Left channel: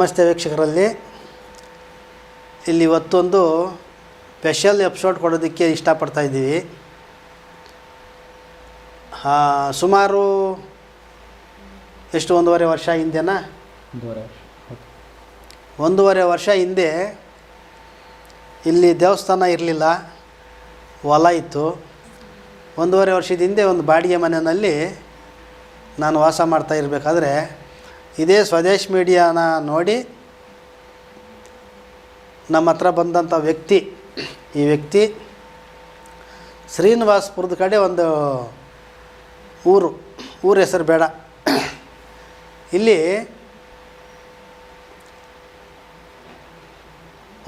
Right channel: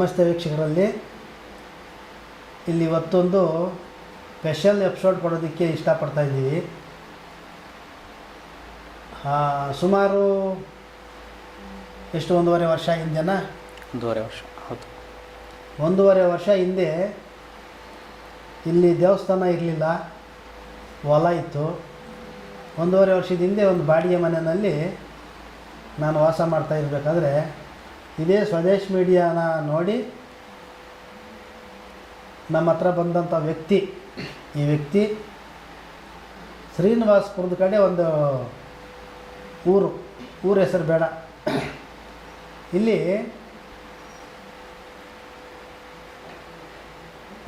ನಮಸ್ತೆ ವೀಕ್ಷಕರಲ್ಲಿ. ಇಲ್ಲಿ ಇವತ್ತೊಂದು ಸ್ಪೆಷಲ್ ಎಪಿಸೋಡ್ ಕೊಡೋದಕ್ಕೆ ಇಷ್ಟಪಡ್ತಾ ಇದ್ದೀವಿ. ಸುಮಾರು ಎಷ್ಟು 1.5 ವರ್ಷ ಹಿಂದೆನಾ? 1.5 ವರ್ಷ. ಹೌದು, 1.5 ವರ್ಷ ಹಿಂದೆ ಇಲ್ಲಿ ದೇವಸ್ಥಾನ ಇರಲಿಲ್ಲ, ಹೊಲ ಇತ್ತು. 1.5 ವರ್ಷದ ಹಿಂದೆ ಒಂದು ಬಾಡಿಗೆ ಮನೆಯಲ್ಲಿ ನಾನು ವಾಸ ಮಾಡ್ತಾ ಇರಬೇಕಾದ್ರೆ ಇದೇ ಸ್ವದೇಶ್ ಮೀಡಿಯಾನ ನೋಡಿ ನಮ್ಮ ಹತ್ರ ಬಂದಂಥ ವ್ಯಕ್ತಿ, ಈ ವ್ಯಕ್ತಿ ಶ್ರೀನಿವಾಸಪುರದ ಕಡೆ ಒಂದು ಊರ ಹೆಸರು ಬೇಡ, ಇಲ್ಲಿ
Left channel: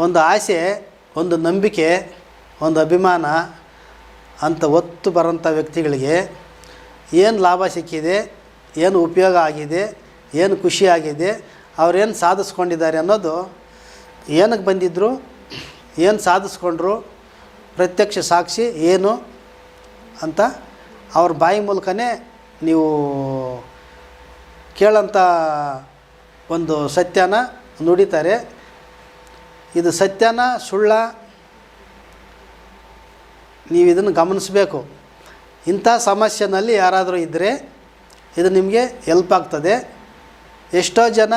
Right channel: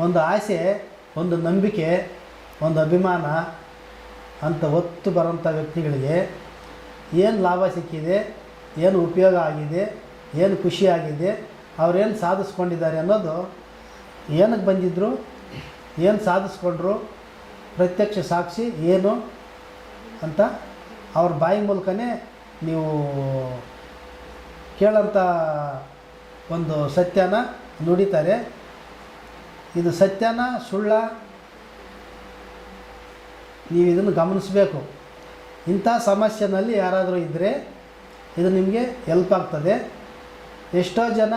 ಒಂದು ಆಸೆ, ಒಂದು ನಂಬಿಕೆ, ಒಂದು ಅಭಿಮಾನ ಅಂತ ಒತ್ತು ಬರೋಂಥ ವ್ಯಕ್ತಿಗಳಿಗೆ ಏನು ಲಾಭ ಸಿಕ್ಕಿದೆ, ಏನು ಉಪಯೋಗ ಆಗಿದೆ, ಏನು ಖುಷಿಯಾಗಿದೆ, ಅವರೇನು ಸಾಧಿಸ್ಕೊಂಡಿದ್ದಾರೆ ಅನ್ನೋದು, ಏನಕ್ಕೆ ಬಂದಿದ್ದರು, ಏನು ಸಾಧಿಸ್ಕೊಂಡ್ರು, ಪ್ರತ್ಯಕ್ಷ ಸಾಕ್ಷಿ ಏನು ಅಂತ ಅವ್ರ ಬಾಯಿ ಮೂಲಕನೇ ನೀವು ಕೇಳೋಂಥ ಒಂದು ಸತ್ಯನ ನುಡಿತಾರೆ. ಇದು ಸತ್ಯನ ಸುಳ್ಳ ನೀವು ಇದನ್ನು ಗಮನಿಸಬೇಕು. ಇಂಥ ಸಮಸ್ಯೆನಲ್ಲಿ ಯಾರಾದರೂ ಇದ್ದರೆ ಇದು ನಿಮಗೆ ಹೆಲ್ಪ್ ಆಗ್ತದೆ. ಎಷ್ಟೋ ಜನ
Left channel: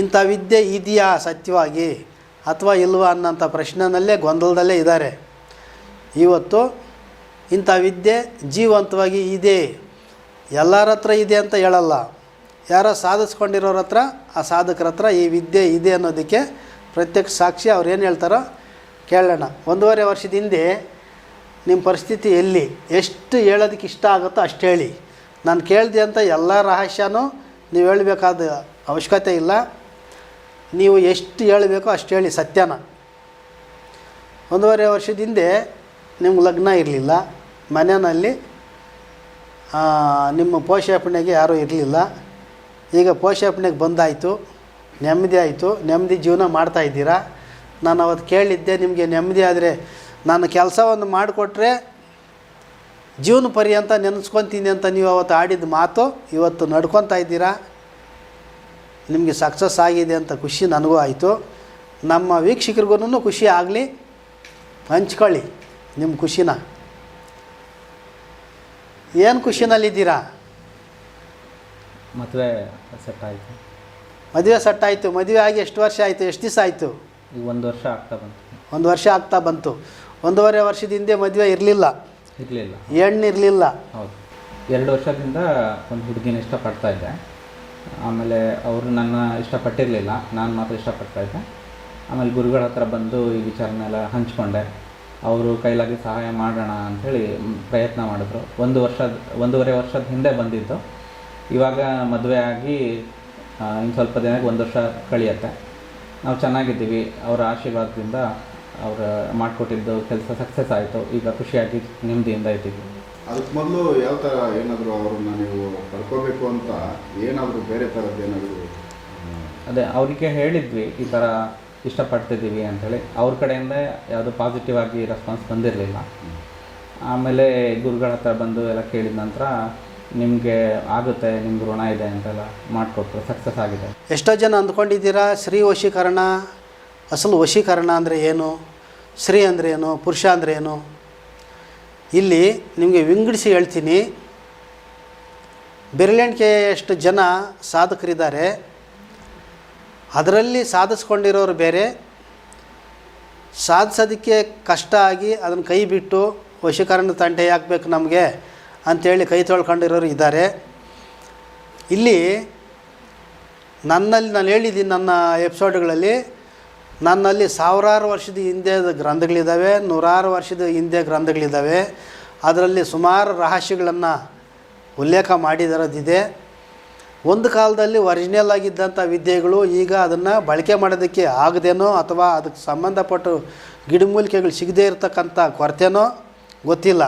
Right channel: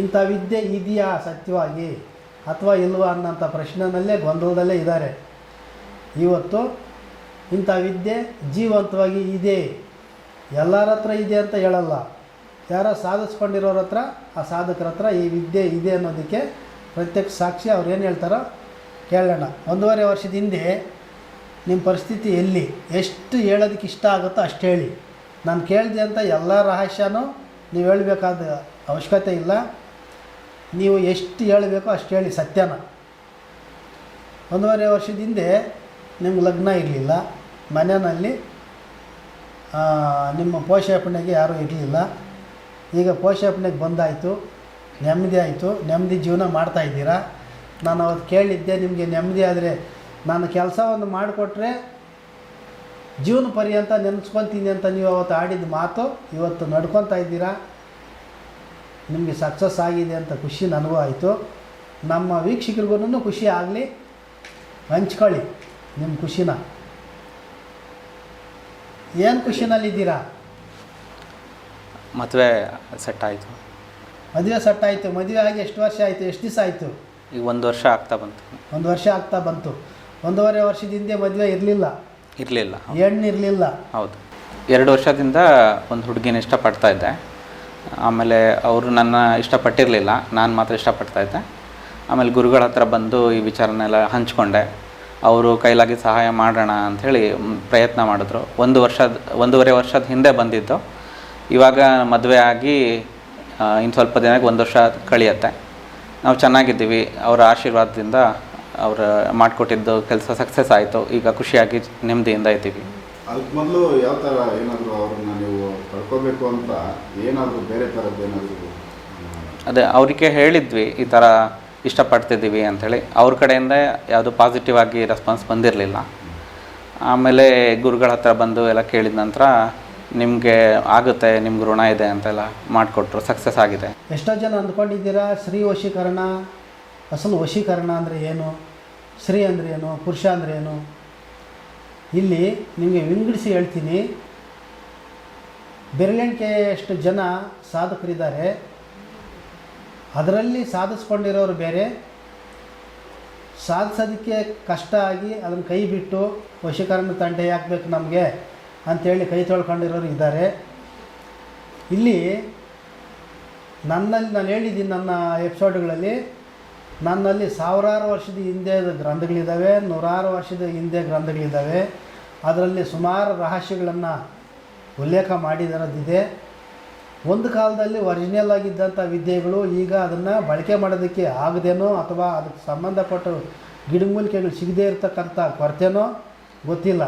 ಇಂಥ ವಿದ್ಯೆ ಇದೆಯಾ ಸತ್ಯವಾಗಿ ಅಥವಾ ಇಲ್ವಾ ಅನ್ನೋಂಥ ಪ್ರಶ್ನೆಯಲ್ಲೇ ಗೊಂದಲದಲ್ಲೇ ಇದ್ದಾರೆ. ಇವತ್ತು ಇಂಥ ವಿದ್ಯೆ ಜೀವಂತವಾಗಿ ಇದೆ, ಎಲ್ಲರ ಹತ್ರ ಇದೆ ಅಂತ ಹೇಳಲ್ಲ, ಯಾರೋ ಸಾಧಿಸ್ಕೊಂಡಿರೋರ ಹತ್ರ, ಆ ಸಾಧಕರ ಹತ್ರ ಈ ವಿದ್ಯೆ ಇದೆ ಅನ್ನೋದಕ್ಕೆ ಪ್ರತ್ಯಕ್ಷ ಸಾಕ್ಷಿ ಅವ್ರು ಏನು ಹೇಳ್ತಾರೋ ಕೇಳೋಣ. 1.5 ವರ್ಷದ ಹಿಂದೆ ನಿಮ್ಮ ಪರಿಸ್ಥಿತಿ ಎಲ್ಲಿ, ಎಷ್ಟು ಹೇಳೋದಕ್ಕೆ ಇಷ್ಟ ಆಗುತ್ತೋ ಅಷ್ಟು ಹೇಳಿ. ನಾನು ಕೇಳಿದೆ ಅಂತ ಎಲ್ಲ ರಹಸ್ಯನೂ ನೀವು ಹೇಳಬೇಕಾದ ಅವಶ್ಯಕತೆ ಇಲ್ಲ. ನೀವು ಎಷ್ಟು ಹೇಳಬೇಕೋ ಅಷ್ಟು ಹೇಳಿ ಸತ್ಯನ. 1.5 ವರ್ಷದ ಹಿಂದೆ ನಿಮ್ಗೆ ಲಗ್ನ ಇರಲಿಲ್ಲ, ಮನೆಯಲ್ಲಿ ನಿಮ್ಮ ಪೋಷಾಪಣೆಗೆ ಯಾರೂ ಇರಲಿಲ್ಲ. ಈಗ ಪೋಷಾಪಣೆಗೆ ಬಂದಾಯಿತು, ನೆಮ್ಮದಿ ಆಯಿತು, ನೆಮ್ಮದಿ ಜೀವನ ಮಾಡ್ತಾಯಿದ್ದೀರಾ. ನಾನು ಅವತ್ತು ಕೇಳಿದ್ದೆ, ನಿಮಗೆ ನೆಮ್ಮದಿ ಆದರೆ ನಾನು ಕೆಲಸ ಒಂದು ಮಾಡಿಕೊಟ್ರೆ ಜೀವನ ಪರ್ಯಂತ ನೆನೆಸ್ಕೊತೀನಿ ಅಂತ ನೀವು ಅವತ್ತು ಆಡಿದ ಮಾತು ಇವತ್ತು ನಡ್ಕೊತಾ ಇದ್ದೀರಾ. ನಿಮಗೆ ಸಕ್ಸಸ್ ಆಗಿದೆ ಅಂತ ಖುಷಿ ನನಗೂ ಆಯಿತು, ನಮ್ಮ ವೀಕ್ಷಕರಿಗೂ ಖುಷಿ ಆಗಲಿ. ಹಂಚ್ಕೊಳ್ಳಿ ನಿಮ್ಮ ಖುಷಿನ. ಏನು ಖುಷಿನಲ್ಲಿದ್ದೀರಾ? ಮದುವೆ ಸೆಟ್ ಆಯಿತು. ಮದುವೆ ಸೆಟ್ ಆಯಿತು. ಮದುವೆ ಆಗಿ ಎಷ್ಟು ವರ್ಷ ಆಯಿತು, ಎಷ್ಟು ದಿವಸ ಆಯಿತು? ಈಗ 1 ವರ್ಷ ಆಗ್ತಾ ಬಂತು. 1 ವರ್ಷ ಆಗ್ತಾ ಬಂತು. 1.5 ವರ್ಷದ ಹಿಂದೆ ಮದುವೆ ಇರಲಿಲ್ಲ, ಹೆಣ್ಣು ಇರಲಿಲ್ಲ. ಹೌದು, 2 ವರ್ಷದಿಂದ ಒಂದು ಹುಡುಗಿನ ಇಷ್ಟಪಡ್ತಾ ಇದ್ದೆ. ಆಮೇಲೆ ಅವರು ನನ್ನ ಇಷ್ಟಪಟ್ಟಿರಲಿಲ್ಲ, ನಾನು ಮಾತ್ರ ಇಷ್ಟಪಡ್ತಾ ಇದ್ದೆ. ಆಮೇಲೆ ಗುರುಗಳ ಹತ್ರ ಬಂದು ಈ ವಿಚಾರನೆಲ್ಲ ಹಂಚ್ಕೊಂಡೆ. ಅವರು ಕೈಲಾಗಿ ಸಹಾಯ ಮಾಡೋಣ ಅಂಥೇಳಿ ಪ್ರಯತ್ನ ಮಾಡಿದ್ರು. 1.5 ವರ್ಷದ ಹಿಂದೆ ಬಂದಿದ್ದು. ಇವಾಗ ಮದುವೆ ಆಗಿ ಇನ್ನು ಸ್ವಲ್ಪ ದಿನಕ್ಕೆ 1 ವರ್ಷ ಕಳೆಯುತ್ತೆ. ನಾವು ಚೆನ್ನಾಗಿದ್ದೀವಿ. ಅವರ ಆಶೀರ್ವಾದದಿಂದ ಅವರು ಮಾಡಿಕೊಟ್ಟಿದ್ದು ಕೆಲಸ ಸಕ್ಸಸ್ ಆಯಿತು. ಈಗ ಖುಷಿಯಾಗಿ ನೆಮ್ಮದಿಯಿಂದ ಇದ್ದೀವಿ. ಅದಕ್ಕೆ ಮೊದಲು ಯಾವ ಥರ ಏನಾದರೂ ಅವ್ರನ್ನ ನೀವು ಕಳ್ಕೋಬೇಕು ಅಂತ ಏನಾದರೂ ಬೇರೆ ಥರದ್ದು ಏನಾದರೂ? ಅದೇ ಅವರಿಗೆ ಹೇಳಿದ್ವಿ, ಈ ಥರ ಇಷ್ಟಪಡ್ತಿದ್ದೀವಿ ಅಂಥೇಳಿ. ಅವ್ರ ಕಡೆಯಿಂದ ಯಾವುದು ಪಾಸಿಟಿವ್ ಆಗಿ ರೆಸ್ಪಾನ್ಸ್ ಬಂದಿರಲಿಲ್ಲ. ಆಮೇಲೆ ಗುರುಗಳ ಹತ್ರ ಬಂದು ಎಲ್ಲ ಕೇಳಿದ ನಂತರ ನಿಮಗೆ ಆಗುತ್ತೆ, ನಿಮ್ಗೆ ಋಣ ಇದೆ ಅಂತೆಲ್ಲ ಮಾಡಿಕೊಟ್ರು. ಸಕ್ಸಸ್ ಆಗಿದೆ. ಎಷ್ಟೋ ಜನ ಅಂದ್ಕೊಂಡಿದ್ದೀರಾ ಸ್ತ್ರೀ ವಶೀಕರಣ, ಅಸಲು ವಶೀಕರಣ ಅಂದರೆ ಏನು, ಸ್ತ್ರೀ ಅಂದರೆ ಏನು, ಪುರುಷ ಅಂದರೆ ಏನು? ಇಲ್ಲಿ ನಿಮಗೆ ವಿಂಗಡಿಸಿ ಹೇಳ್ತೀನಿ. ಬೆರಳೆಣಿಕೆಯಷ್ಟು ಜನ ಸಾಧಕರಿದ್ದಾರೆ. ಅದರಲ್ಲಿ ಸಾಧಿಸ್ಕೊಂಡಿರೋರು ಬೇರೆ, ಸಾಧಿಸೋದಕ್ಕೆ ಕಷ್ಟ ಆಗಿ ಅದನ್ನು ಕೈ ಬಿಟ್ಟು ವಶೀಕರಣ ತಂಟೆ ಹಾಕ್ಬೇಕು ನಮಗೆ ಅಂಥೇಳಿ ಕೈ ತೊಳ್ಕೊಂಡಿರೋರು ಇದ್ದಾರೆ. ಇಲ್ಲಿ ನಾನು ಹೇಳಿದ್ದೀನಿ ನನ್ನ ಎಪಿಸೋಡ್ಗಳಲ್ಲಿ, ನನ್ನಲ್ಲಿ 1000 ವರ್ಷದ ಹಿಂದೆ ಗ್ರಂಥಗಳಿದ್ದಾವೆ, 100 ವರ್ಷದ ಹಿಂದೆ ಗ್ರಂಥಗಳಿದ್ದಾವೆ. ಅದರಲ್ಲಿ ಸುಮಾರು ರಹಸ್ಯಗಳನ್ನು ಉಲ್ಲೇಖ ಮಾಡಿರೋದಿದೆ. ಒಂದು ಕಾಲದಲ್ಲಿ ಒರಿಜಿನಲ್ ಆಗಿದ್ದಂಥ ವಿದ್ಯೆಗಳು ಈಗ ಅದನ್ನು ಬಳಕೆ ಮಾಡೋದಕ್ಕೆ ಆಗದೇನೋ ಅಥವಾ ಅದಕ್ಕೆ ಸಂಬಂಧಪಟ್ಟ ಗಿಡಮೂಲಿಕೆಗಳು ಸಿಗದೇ ಇರತಕ್ಕಂಥ ಕೊರತೆನೋ ಗೊತ್ತಿಲ್ಲ.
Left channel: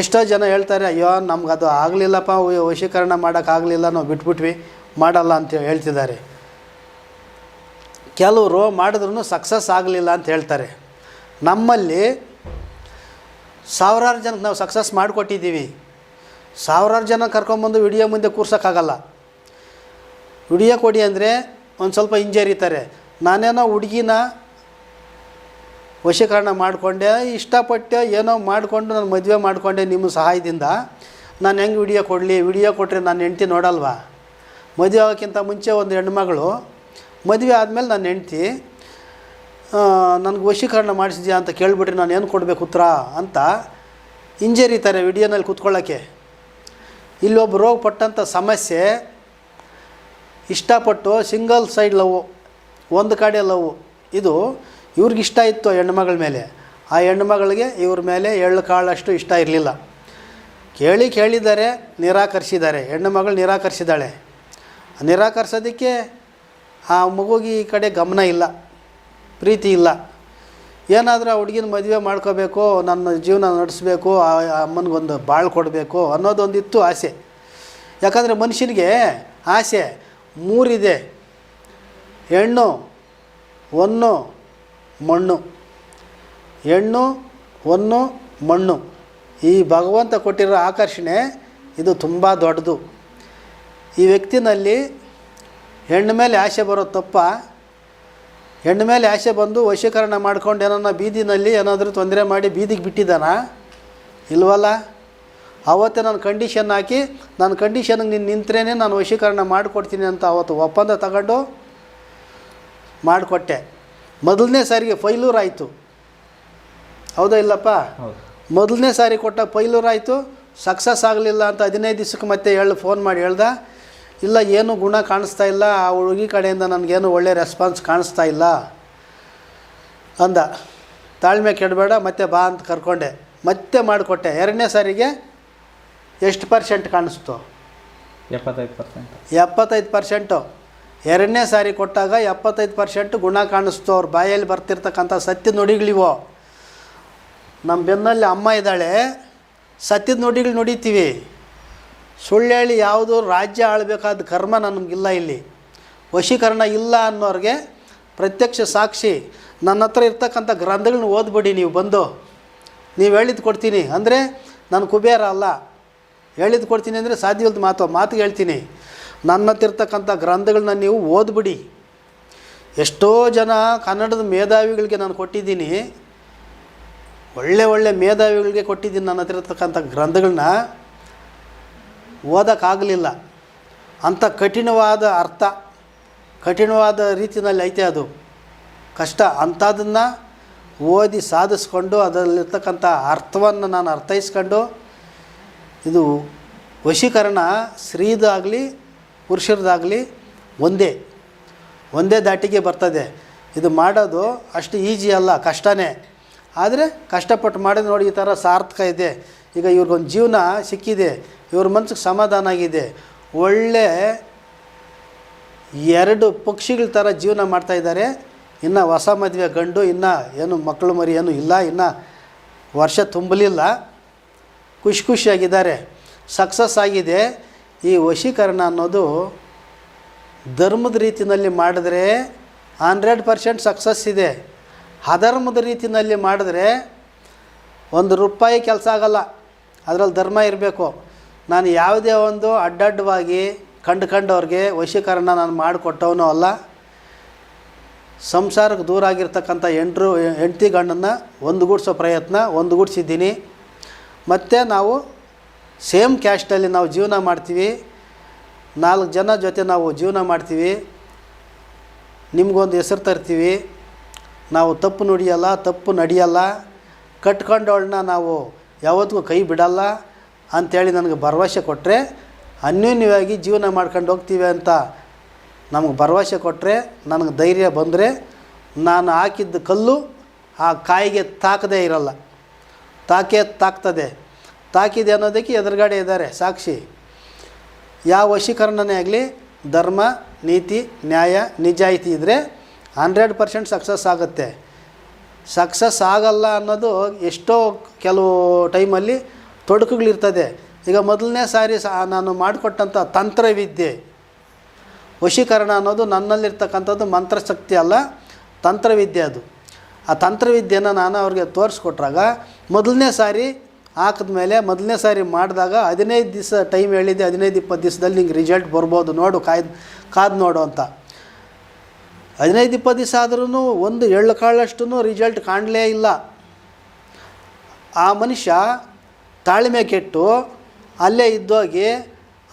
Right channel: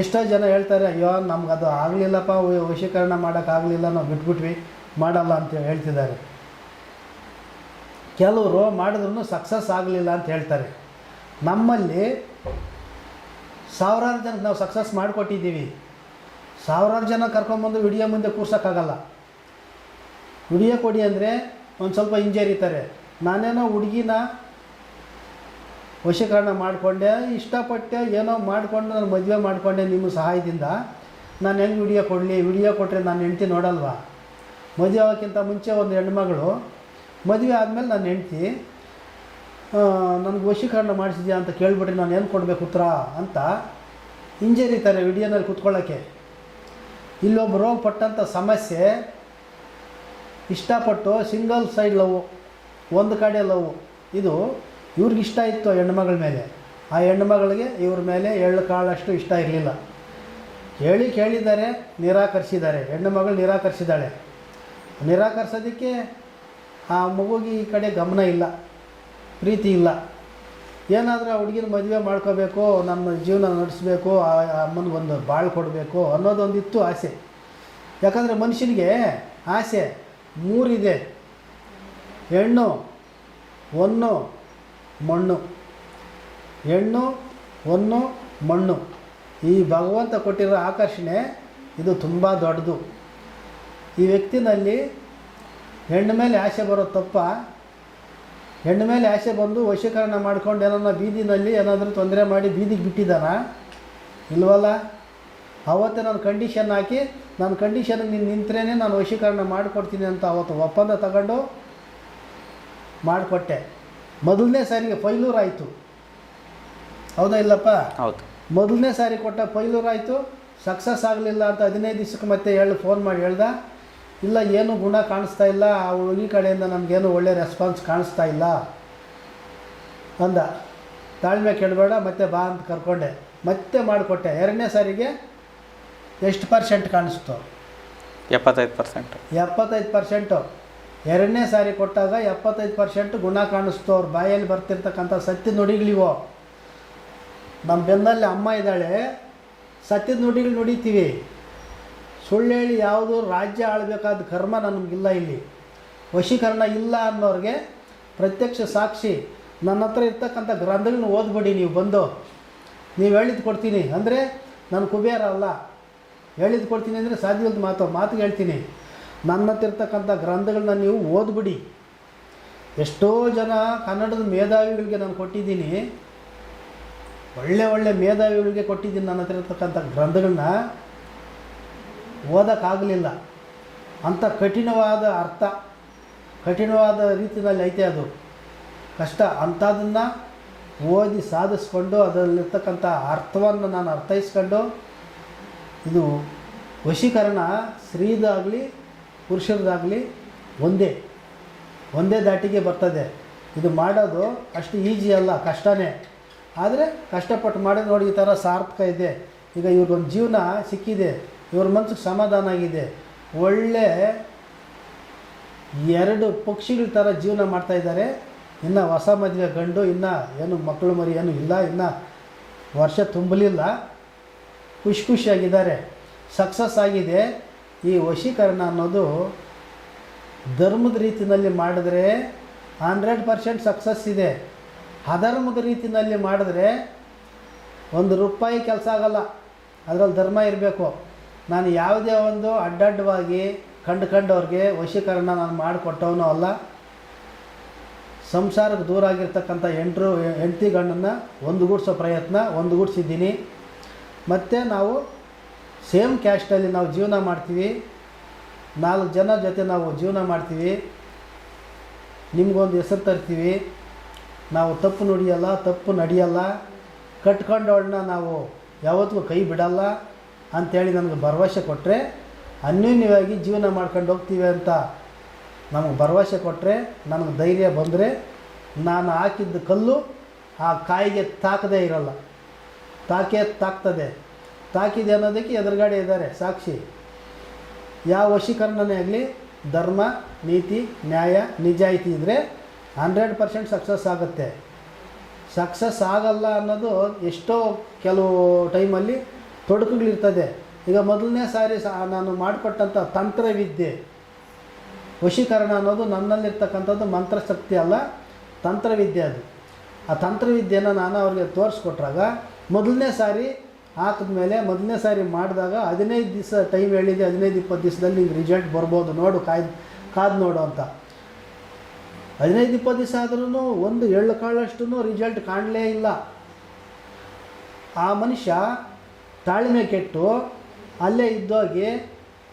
ಎಷ್ಟೋ ಜನ ಹೇಳ್ತಾರೆ, ಅಯ್ಯೋ ನಮ್ಗೆ ಅದು ಆಗಲಿಲ್ಲಪ್ಪ, ವಶೀಕರಣ ಮಾಡೋಕ್ಕಾಗಲಿಲ್ಲ, ನಾವು ಬಿಟ್ಬಿಟ್ವಿ, ಮಾಡಲ್ಲ ಅಂತ ಹೇಳ್ತಿದ್ದಾರೆ. ಕೆಲವರು ಮಾಡಿದ್ರೂ ಸಕ್ಸಸ್ ಆಗಲಿಲ್ಲ ಅಂತ ಹೇಳ್ತಾರೆ. ನಮ್ಮಲ್ಲಿ 1000 ಜನಕ್ಕೆ ನಾವು ಸಕ್ಸಸ್ ಮಾಡಿಕೊಟ್ಟಿದ್ದೀವಿ. 1000 ಜನ ಕರ್ಕೊಂಬಂದು ವಿಡಿಯೋ ಮುಂದೆ ಕೂರ್ಸೋಕ್ಕಾಗಲ್ಲ. ವಿಡಿಯೋ ಕೊಡಿ ಅಂದರೆ ಒಂದು ಸ್ವಲ್ಪ ಹಿಂಜರಿತಾರೆ. ನಾನೇನೋ ಹುಡುಗಿನ ವಶೀಕರಣ ಮಾಡಿಕೊಂಡೆ, ಇಷ್ಟಪಟ್ಟು ಏನೋ ಮಾಡಿಕೊಂಡು ನಾನು ಮದುವೆ ಮಾಡಿಕೊಂಡೆ ನಿಮ್ಮ ಸಹಾಯದಿಂದ. ನಾನು ಹೆಂಗೆ ವಿಡಿಯೋ ಕೊಡಲಿ? ವಿಡಿಯೋ ಕೊಟ್ಟರೆ ನನ್ನ ಹೆಂಡ್ತಿ ನೋಡಲ್ವಾ? ಮದುವೆ ಆಗೋಕ್ಕಿಂತ ಮುಂಚೆ ಒಂದು ಹೆಣ್ಮಗಳು, ಮದುವೆ ಆದಮೇಲೆ ನನ್ನ ಹೆಂಡ್ತಿ ನನಗೆ ವಶೀಕರಣ ಮಾಡಿಸಿದ್ಯಾ ಅಂತ ಕೇಳಿಬಿಟ್ರೆ ನಾನು ಏನು ಕೊಡಬೇಕು ಉತ್ತರ ಅಂತ ಹಿಂಜರಿತಾರೆ ವಿಡಿಯೋನಲ್ಲಿ ಕೂತ್ಕೊಳ್ಳೋಕ್ಕೆ. ಇಲ್ಲೊಬ್ಬರು ಪಟ್ಟಂಥ ಸಮಸ್ಯೆ, ಇಷ್ಟಪಟ್ಟು ಸಿಂಗಲ್ ಸೈಡ್ ಲವ್, ಒಂದು ಕಡೆ ಲವ್. ಇದು ಇವ್ರಿಗಿಷ್ಟ ಇತ್ತು ಹೆಣ್ಣುಮಗಳ ಮೇಲೆ, ಆ ಹೆಣ್ಣುಮಗಳಿಗೆ ಇವ್ರ ಮೇಲೆ ಎಳ್ಳು ಕಾಳಷ್ಟು ಇಷ್ಟ ಇರಲಿಲ್ಲ. ಕೇಳಿದ್ದಾರೆ, ನಿರಾಕರಿಸಿದ್ದಾರೆ. ಹೆಣ್ಣು ಮಗಳು ನಿರಾಕರಿಸಿದ್ದಾಳೆ. ನಿರಾಕರಿಸೋದಕ್ಕೆ ಆ ಮಗುಗೆ ಈ ಕಡೆ ಗಮನ ಇಲ್ಲ, ಪ್ರೀತಿ ಇಲ್ಲ. ಏನಾದರೂ ಆ ಹುಡುಗಿನ ಮದುವೆ ಮಾಡ್ಕೋಬೇಕು, ನನ್ನ ಜೀವನ ನಡೆಸಬೇಕು, ಆ ಅಮ್ಮನಿಗೊಂದು ಬಾಳು ಕೊಡಬೇಕು ಅನ್ನೋದೊಂದಿತ್ತು ಆಸೆ. ಯಾಕಂದರೆ ಮನುಷ್ಯನಿಗೆ ಆಸೆ ಮೂರಿದೆ: ಹೆಣ್ಣು, ಹೊನ್ನು, ಮಣ್ಣು. ಹೆಣ್ಣು, ಹೊನ್ನು, ಮಣ್ಣು. ಈ ಭಗವಂತ ಕೊಟ್ಟಿರೋ ಆಕರ್ಷಣೆ ಇದು ತುಂಬ ದೊಡ್ಡದು. ಈ ವ್ಯಕ್ತಿನಲ್ಲಿ ಹೆಣ್ಣು ಮೇಲೆ ಆಸೆ ಬರೋದು ತಪ್ಪ? ಹೆಣ್ಣು ಮೇಲೆ ಆಸೆ ಬಂದು ವಶೀಕರಣ ಮಾಡ್ಕೊಂಡು ಏನನ್ನ ಬೀದಿನಲ್ಲಿ ಏನಾದರೂ ತೊಂದರೆ ಮಾಡಿ ಬೀದಿಗೆ ಬಿಟ್ಟಿದ್ದಾನ? ಇಲ್ವಲ್ಲ. ಆವತ್ತೇ ನಾನು ಕಂಡೀಷನ್ ಹಾಕಿ, ನಾನು ಕಂಡೀಷನ್ಗೆ ನೀನು ನಿಂತರೇ ನಾನು ವಶೀಕರಣ ಮಾಡಿಕೊಡ್ತೀನಿ ಅಂತ ಅವತ್ತು ಒಪ್ಪಂದ ತಗೊಂಡು ಮಾಡಿಕೊಟ್ಟೆ. ಮೊದಲನೇ ಸಾರಿಗೆ ಫೈಲೂರ್ ಆಯಿತು, ಹೌದಾ ಇಲ್ಲಪ್ಪ? ಹೌದು. ಮೊದಲನೇ ಸಾರಿ ಕೊಟ್ಟ ಫೈಲೂರ್ ಆಯಿತು, ಸಕ್ಸಸ್ ಆಗಲಿಲ್ಲ ಅಂತ 15 ದಿವಸಕ್ಕೆ ಮತ್ತೆ ಫೋನ್ ಮಾಡಿ ಹೇಳ್ದ, ಇಲ್ಲ ಏನೂ ಗುಣ ಕಾಣಿಸ್ತಾ ಇಲ್ಲ, ಆ ಹುಡುಗಿ ಕಡೆಯಿಂದ ನನಗೇನು ಒಳ್ಳೆ ರೆಸ್ಪಾನ್ಸ್ ಕಾಣಿಸ್ತಾ ಇಲ್ಲ ಅಂದ. ತಾಳ್ಮೆ ಕೆಡಬೇಡ, ಮತ್ತೆ ಬಾ ಅಂತ ಕರ್ಕೊಂಡೆ, ಮತ್ತೆ ಮಾಡಿಕೊಟ್ಟೆ. ಎರಡನೇ ಸಾರಿಗೆ ಎಷ್ಟು % ಕಾಣಿಸ್ತು? 75%. 75%. ಎರಡನೇ ಸಾರಿ ಕೊಟ್ಟಾಗ 75% ಗುಣ ಕಾಣಿಸ್ತು. ಅವ್ರ ಬಾಯಲ್ಲಿ ಬರ್ತಿರ್ತಕ್ಕಂಥ ಸತ್ಯದ ನುಡಿಗಳಿವೋ. ನಮ್ಮ ಬೆನ್ನಲ್ಲಿ ಅಮ್ಮ ಇದ್ದಾಳೆ, ಸತ್ಯದ ನುಡಿಗಳು ನುಡಿತೀವಿ. ಸುಳ್ಳು ಹೇಳಿ ಯಾವುದು ರಾಜ್ಯ ಆಳಬೇಕಾದ ಕರ್ಮ ನಮಗಿಲ್ಲ. ಇಲ್ಲಿ ವಶೀಕರಣ ಇಲ್ಲ ಅನ್ನೋರಿಗೆ ಪ್ರತ್ಯಕ್ಷ ಸಾಕ್ಷಿ. ನನ್ನ ಹತ್ರ ಇರ್ತಕ್ಕಂಥ ಗ್ರಂಥಗಳನ್ನ ಓದ್ಬಿಡಿ ನೀವು ಬಂದು. ನೀವು ಹೇಳಿದ್ದು ಕೊಡ್ತೀನಿ ಅಂದರೆ ನಾನು ಕುಬೇರ ಅಲ್ಲ. ಹೇಳಿದ್ದು ಕೊಡ್ತೀನಿ ಅಂದರೆ ಸಾಧ್ಯವಿಲ್ಲದ ಮಾತಿಗೆ ಹೇಳ್ತೀನಿ. ನನ್ನ ಹತ್ರ ಇರ್ತಕ್ಕಂಥ ಗ್ರಂಥಗಳನ್ನ ನೀವು ಓದ್ಬಿಡಿ. ಎಷ್ಟೋ ಜನ ಕನ್ನಡದ ಮೇಧಾವಿಗಳಿಗೆ ನಾನು ಕೊಟ್ಟಿದ್ದೀನಿ, ಒಳ್ಳೆ ಮೇಧಾವಿಗಳಿಗೆ ಕೊಟ್ಟಿದ್ದೀನಿ ನನ್ನ ಹತ್ರ ಇರ್ತಕ್ಕಂಥ ಗ್ರಂಥಗಳನ್ನ. ಓದೋಕ್ಕಾಗಲಿಲ್ಲ. ಅಂಥ ಕಠಿಣವಾದ ಅರ್ಥ, ಕಠಿಣವಾದ ರೀತಿಯಲ್ಲಿ ಐತೆ ಅದು, ಕಷ್ಟ. ಅಂಥದನ್ನು ಓದಿ ಸಾಧಿಸ್ಕೊಂಡು ಅದರಲ್ಲಿರ್ತಕ್ಕಂಥ ಅರ್ಥವನ್ನು ನಾನು ಅರ್ಥೈಸ್ಕೊಂಡು, ಇದು ವಶೀಕರಣ ಸ್ತ್ರೀದಾಗಲಿ ಪುರುಷರದಾಗಲಿ ಒಂದೇ ದಾಟಿಗೆ ಬರ್ತದೆ. ಇದು ಮಾಡೋದು ಅಷ್ಟು ಈಜಿ ಅಲ್ಲ, ಕಷ್ಟನೇ. ಆದರೆ ಕಷ್ಟಪಟ್ಟು ಮಾಡಿದ್ರೆ ನೋಡಿ ಈ ಥರ ಸಾರ್ಥಕ ಇದೆ. ಈಗ ಇವ್ರಿಗೊಂದು ಜೀವನ ಸಿಕ್ಕಿದೆ, ಇವ್ರ ಮನಸ್ಸಿಗೆ ಸಮಾಧಾನ ಆಗಿದೆ. ಒಳ್ಳೆ 2 ಪಕ್ಷಿಗಳ ಥರ ಜೀವನ ಮಾಡ್ತಾಯಿದ್ದಾರೆ. ಇನ್ನು ಹೊಸ ಮದುವೆ ಗಂಡು, ಇನ್ನು ಏನು ಮಕ್ಕಳು ಮರಿ ಏನೂ ಇಲ್ಲ, ಇನ್ನು ವರ್ಷ ತುಂಬಲಿಲ್ಲ, ಖುಷಿಯಾಗಿದ್ದಾರೆ, ಸಕ್ಸಸ್ ಆಗಿದೆ. ಈ ವಶೀಕರಣ ಅನ್ನೋದು ಧರ್ಮದ ರೀತಿಯಲ್ಲಿ ಮಾಡಿದ್ರೆ 100% ಸಕ್ಸಸ್ ಇದೆ. ಅಧರ್ಮದ ರೀತಿಯಲ್ಲಿ ಮಾಡಿದ್ರೆ ₹1 ಕೆಲಸ ಆಗಲ್ಲ. ಅದರಲ್ಲಿ ಧರ್ಮ ಇರಬೇಕು. ನಾನು ಯಾವುದೇ ಒಂದು ಅಡ್ಡಡ್ಡವಾಗಿ ಕಂಡವ್ರಿಗೆ ವಶೀಕರಣ ನಾನು ಮಾಡಿಕೊಟ್ಟವನು ಅಲ್ಲ. ಸಂಸಾರಕ್ಕೆ ದೂರ ಆಗಿರ್ತಕ್ಕಂಥ ಹೆಂಡತಿ ಗಂಡನ್ನು ಒಂದುಗೂಡಿಸೋ ಪ್ರಯತ್ನ ಒಂದುಗೂಡಿಸಿದ್ದೀನಿ. ಮತ್ತು ನಾವು ಸೇಮ್ ಕ್ಯಾಸ್ಟಲ್ಲಿ ನಾವು ಜೀವನ ಮಾಡ್ತೀವಿ, 4 ಜನ ಜೊತೆ ನಾವು ಜೀವನ ಮಾಡ್ತೀವಿ. ನಿಮಗೊಂದು ಹೆಸರು ತರ್ತೀವಿ. ನಾವು ತಪ್ಪು ನುಡಿಯಲ್ಲ, ತಪ್ಪು ನಡೆಯಲ್ಲ, ಕಟ್ಕೊಂಡವಳನ್ನ ನಾವು ಯಾವತ್ತಿಗೂ ಕೈ ಬಿಡಲ್ಲ ಅಂಥೇಳಿ ನನಗೆ ಭರವಸೆ ಕೊಟ್ಟರೆ, ಅನ್ಯೋನ್ಯವಾಗಿ ಜೀವನ ಮಾಡ್ಕೊಂಡು ಹೋಗ್ತೀವಿ ಅಂತ ನಮಗೆ ಭರವಸೆ ಕೊಟ್ಟರೆ, ನನಗೆ ಧೈರ್ಯ ಬಂದರೆ, ನಾನು ಹಾಕಿದ್ದ ಕಲ್ಲು ಆ ಕಾಯಿಗೆ ತಾಕದೇ ಇರಲ್ಲ, ತಾಕ್ತದೆ. ತಾಕಿದೆ ಅನ್ನೋದಕ್ಕೆ ಎದುರುಗಡೆ ಇದ್ದಾರೆ ಸಾಕ್ಷಿ. ಯಾವ ವಶೀಕರಣನೇ ಆಗಲಿ ಧರ್ಮ, ನೀತಿ, ನ್ಯಾಯ, ನಿಜಾಯಿತಿ ಇದ್ದರೆ 100% ಸಕ್ಸಸ್ ಆಗುತ್ತೆ. ಸಕ್ಸಸ್ ಆಗಲ್ಲ ಅನ್ನೋದು ಎಷ್ಟೋ ಕೆಲವು ಟೈಮಲ್ಲಿ ತೊಡಕುಗಳಿರ್ತದೆ. ಈಗ ಮೊದಲನೇ ಸಾರಿ ನಾನು ಮಾಡಿಕೊಟ್ಟಂಥ ತಂತ್ರವಿದ್ಯೆ, ವಶೀಕರಣ ಅನ್ನೋದು ನನ್ನಲ್ಲಿರ್ತಕ್ಕಂಥದ್ದು ಮಂತ್ರಶಕ್ತಿ ಅಲ್ಲ, ತಂತ್ರವಿದ್ಯೆ. ಅದು ಆ ತಂತ್ರವಿದ್ಯೆನ ನಾನು ಅವ್ರಿಗೆ ತೋರಿಸ್ಕೊಟ್ರಾಗ, ಮೊದಲನೇ ಸಾರಿ ಹಾಕಿದ್ಮೇಲೆ ಮೊದಲನೇ ಸಾರಿ ಮಾಡಿದಾಗ 15 ದಿವಸ ಟೈಮ್ ಹೇಳಿದ್ದೆ, 15-20 ದಿವಸದಲ್ಲಿ ನಿಂಗೆ ರಿಸಲ್ಟ್ ಬರ್ಬೋದು, ನೋಡು ಕಾದು ನೋಡು ಅಂತ. 15-20 ದಿವಸ ಆದ್ರೂ ಒಂದು ಎಳ್ಳು ಕಾಳಷ್ಟು ರಿಸಲ್ಟ್ ಕಾಣಲೇ ಇಲ್ಲ. ಆ ಮನುಷ್ಯ ತಾಳ್ಮೆ ಕೆಟ್ಟು ಅಲ್ಲೇ ಇದ್ದೋಗಿ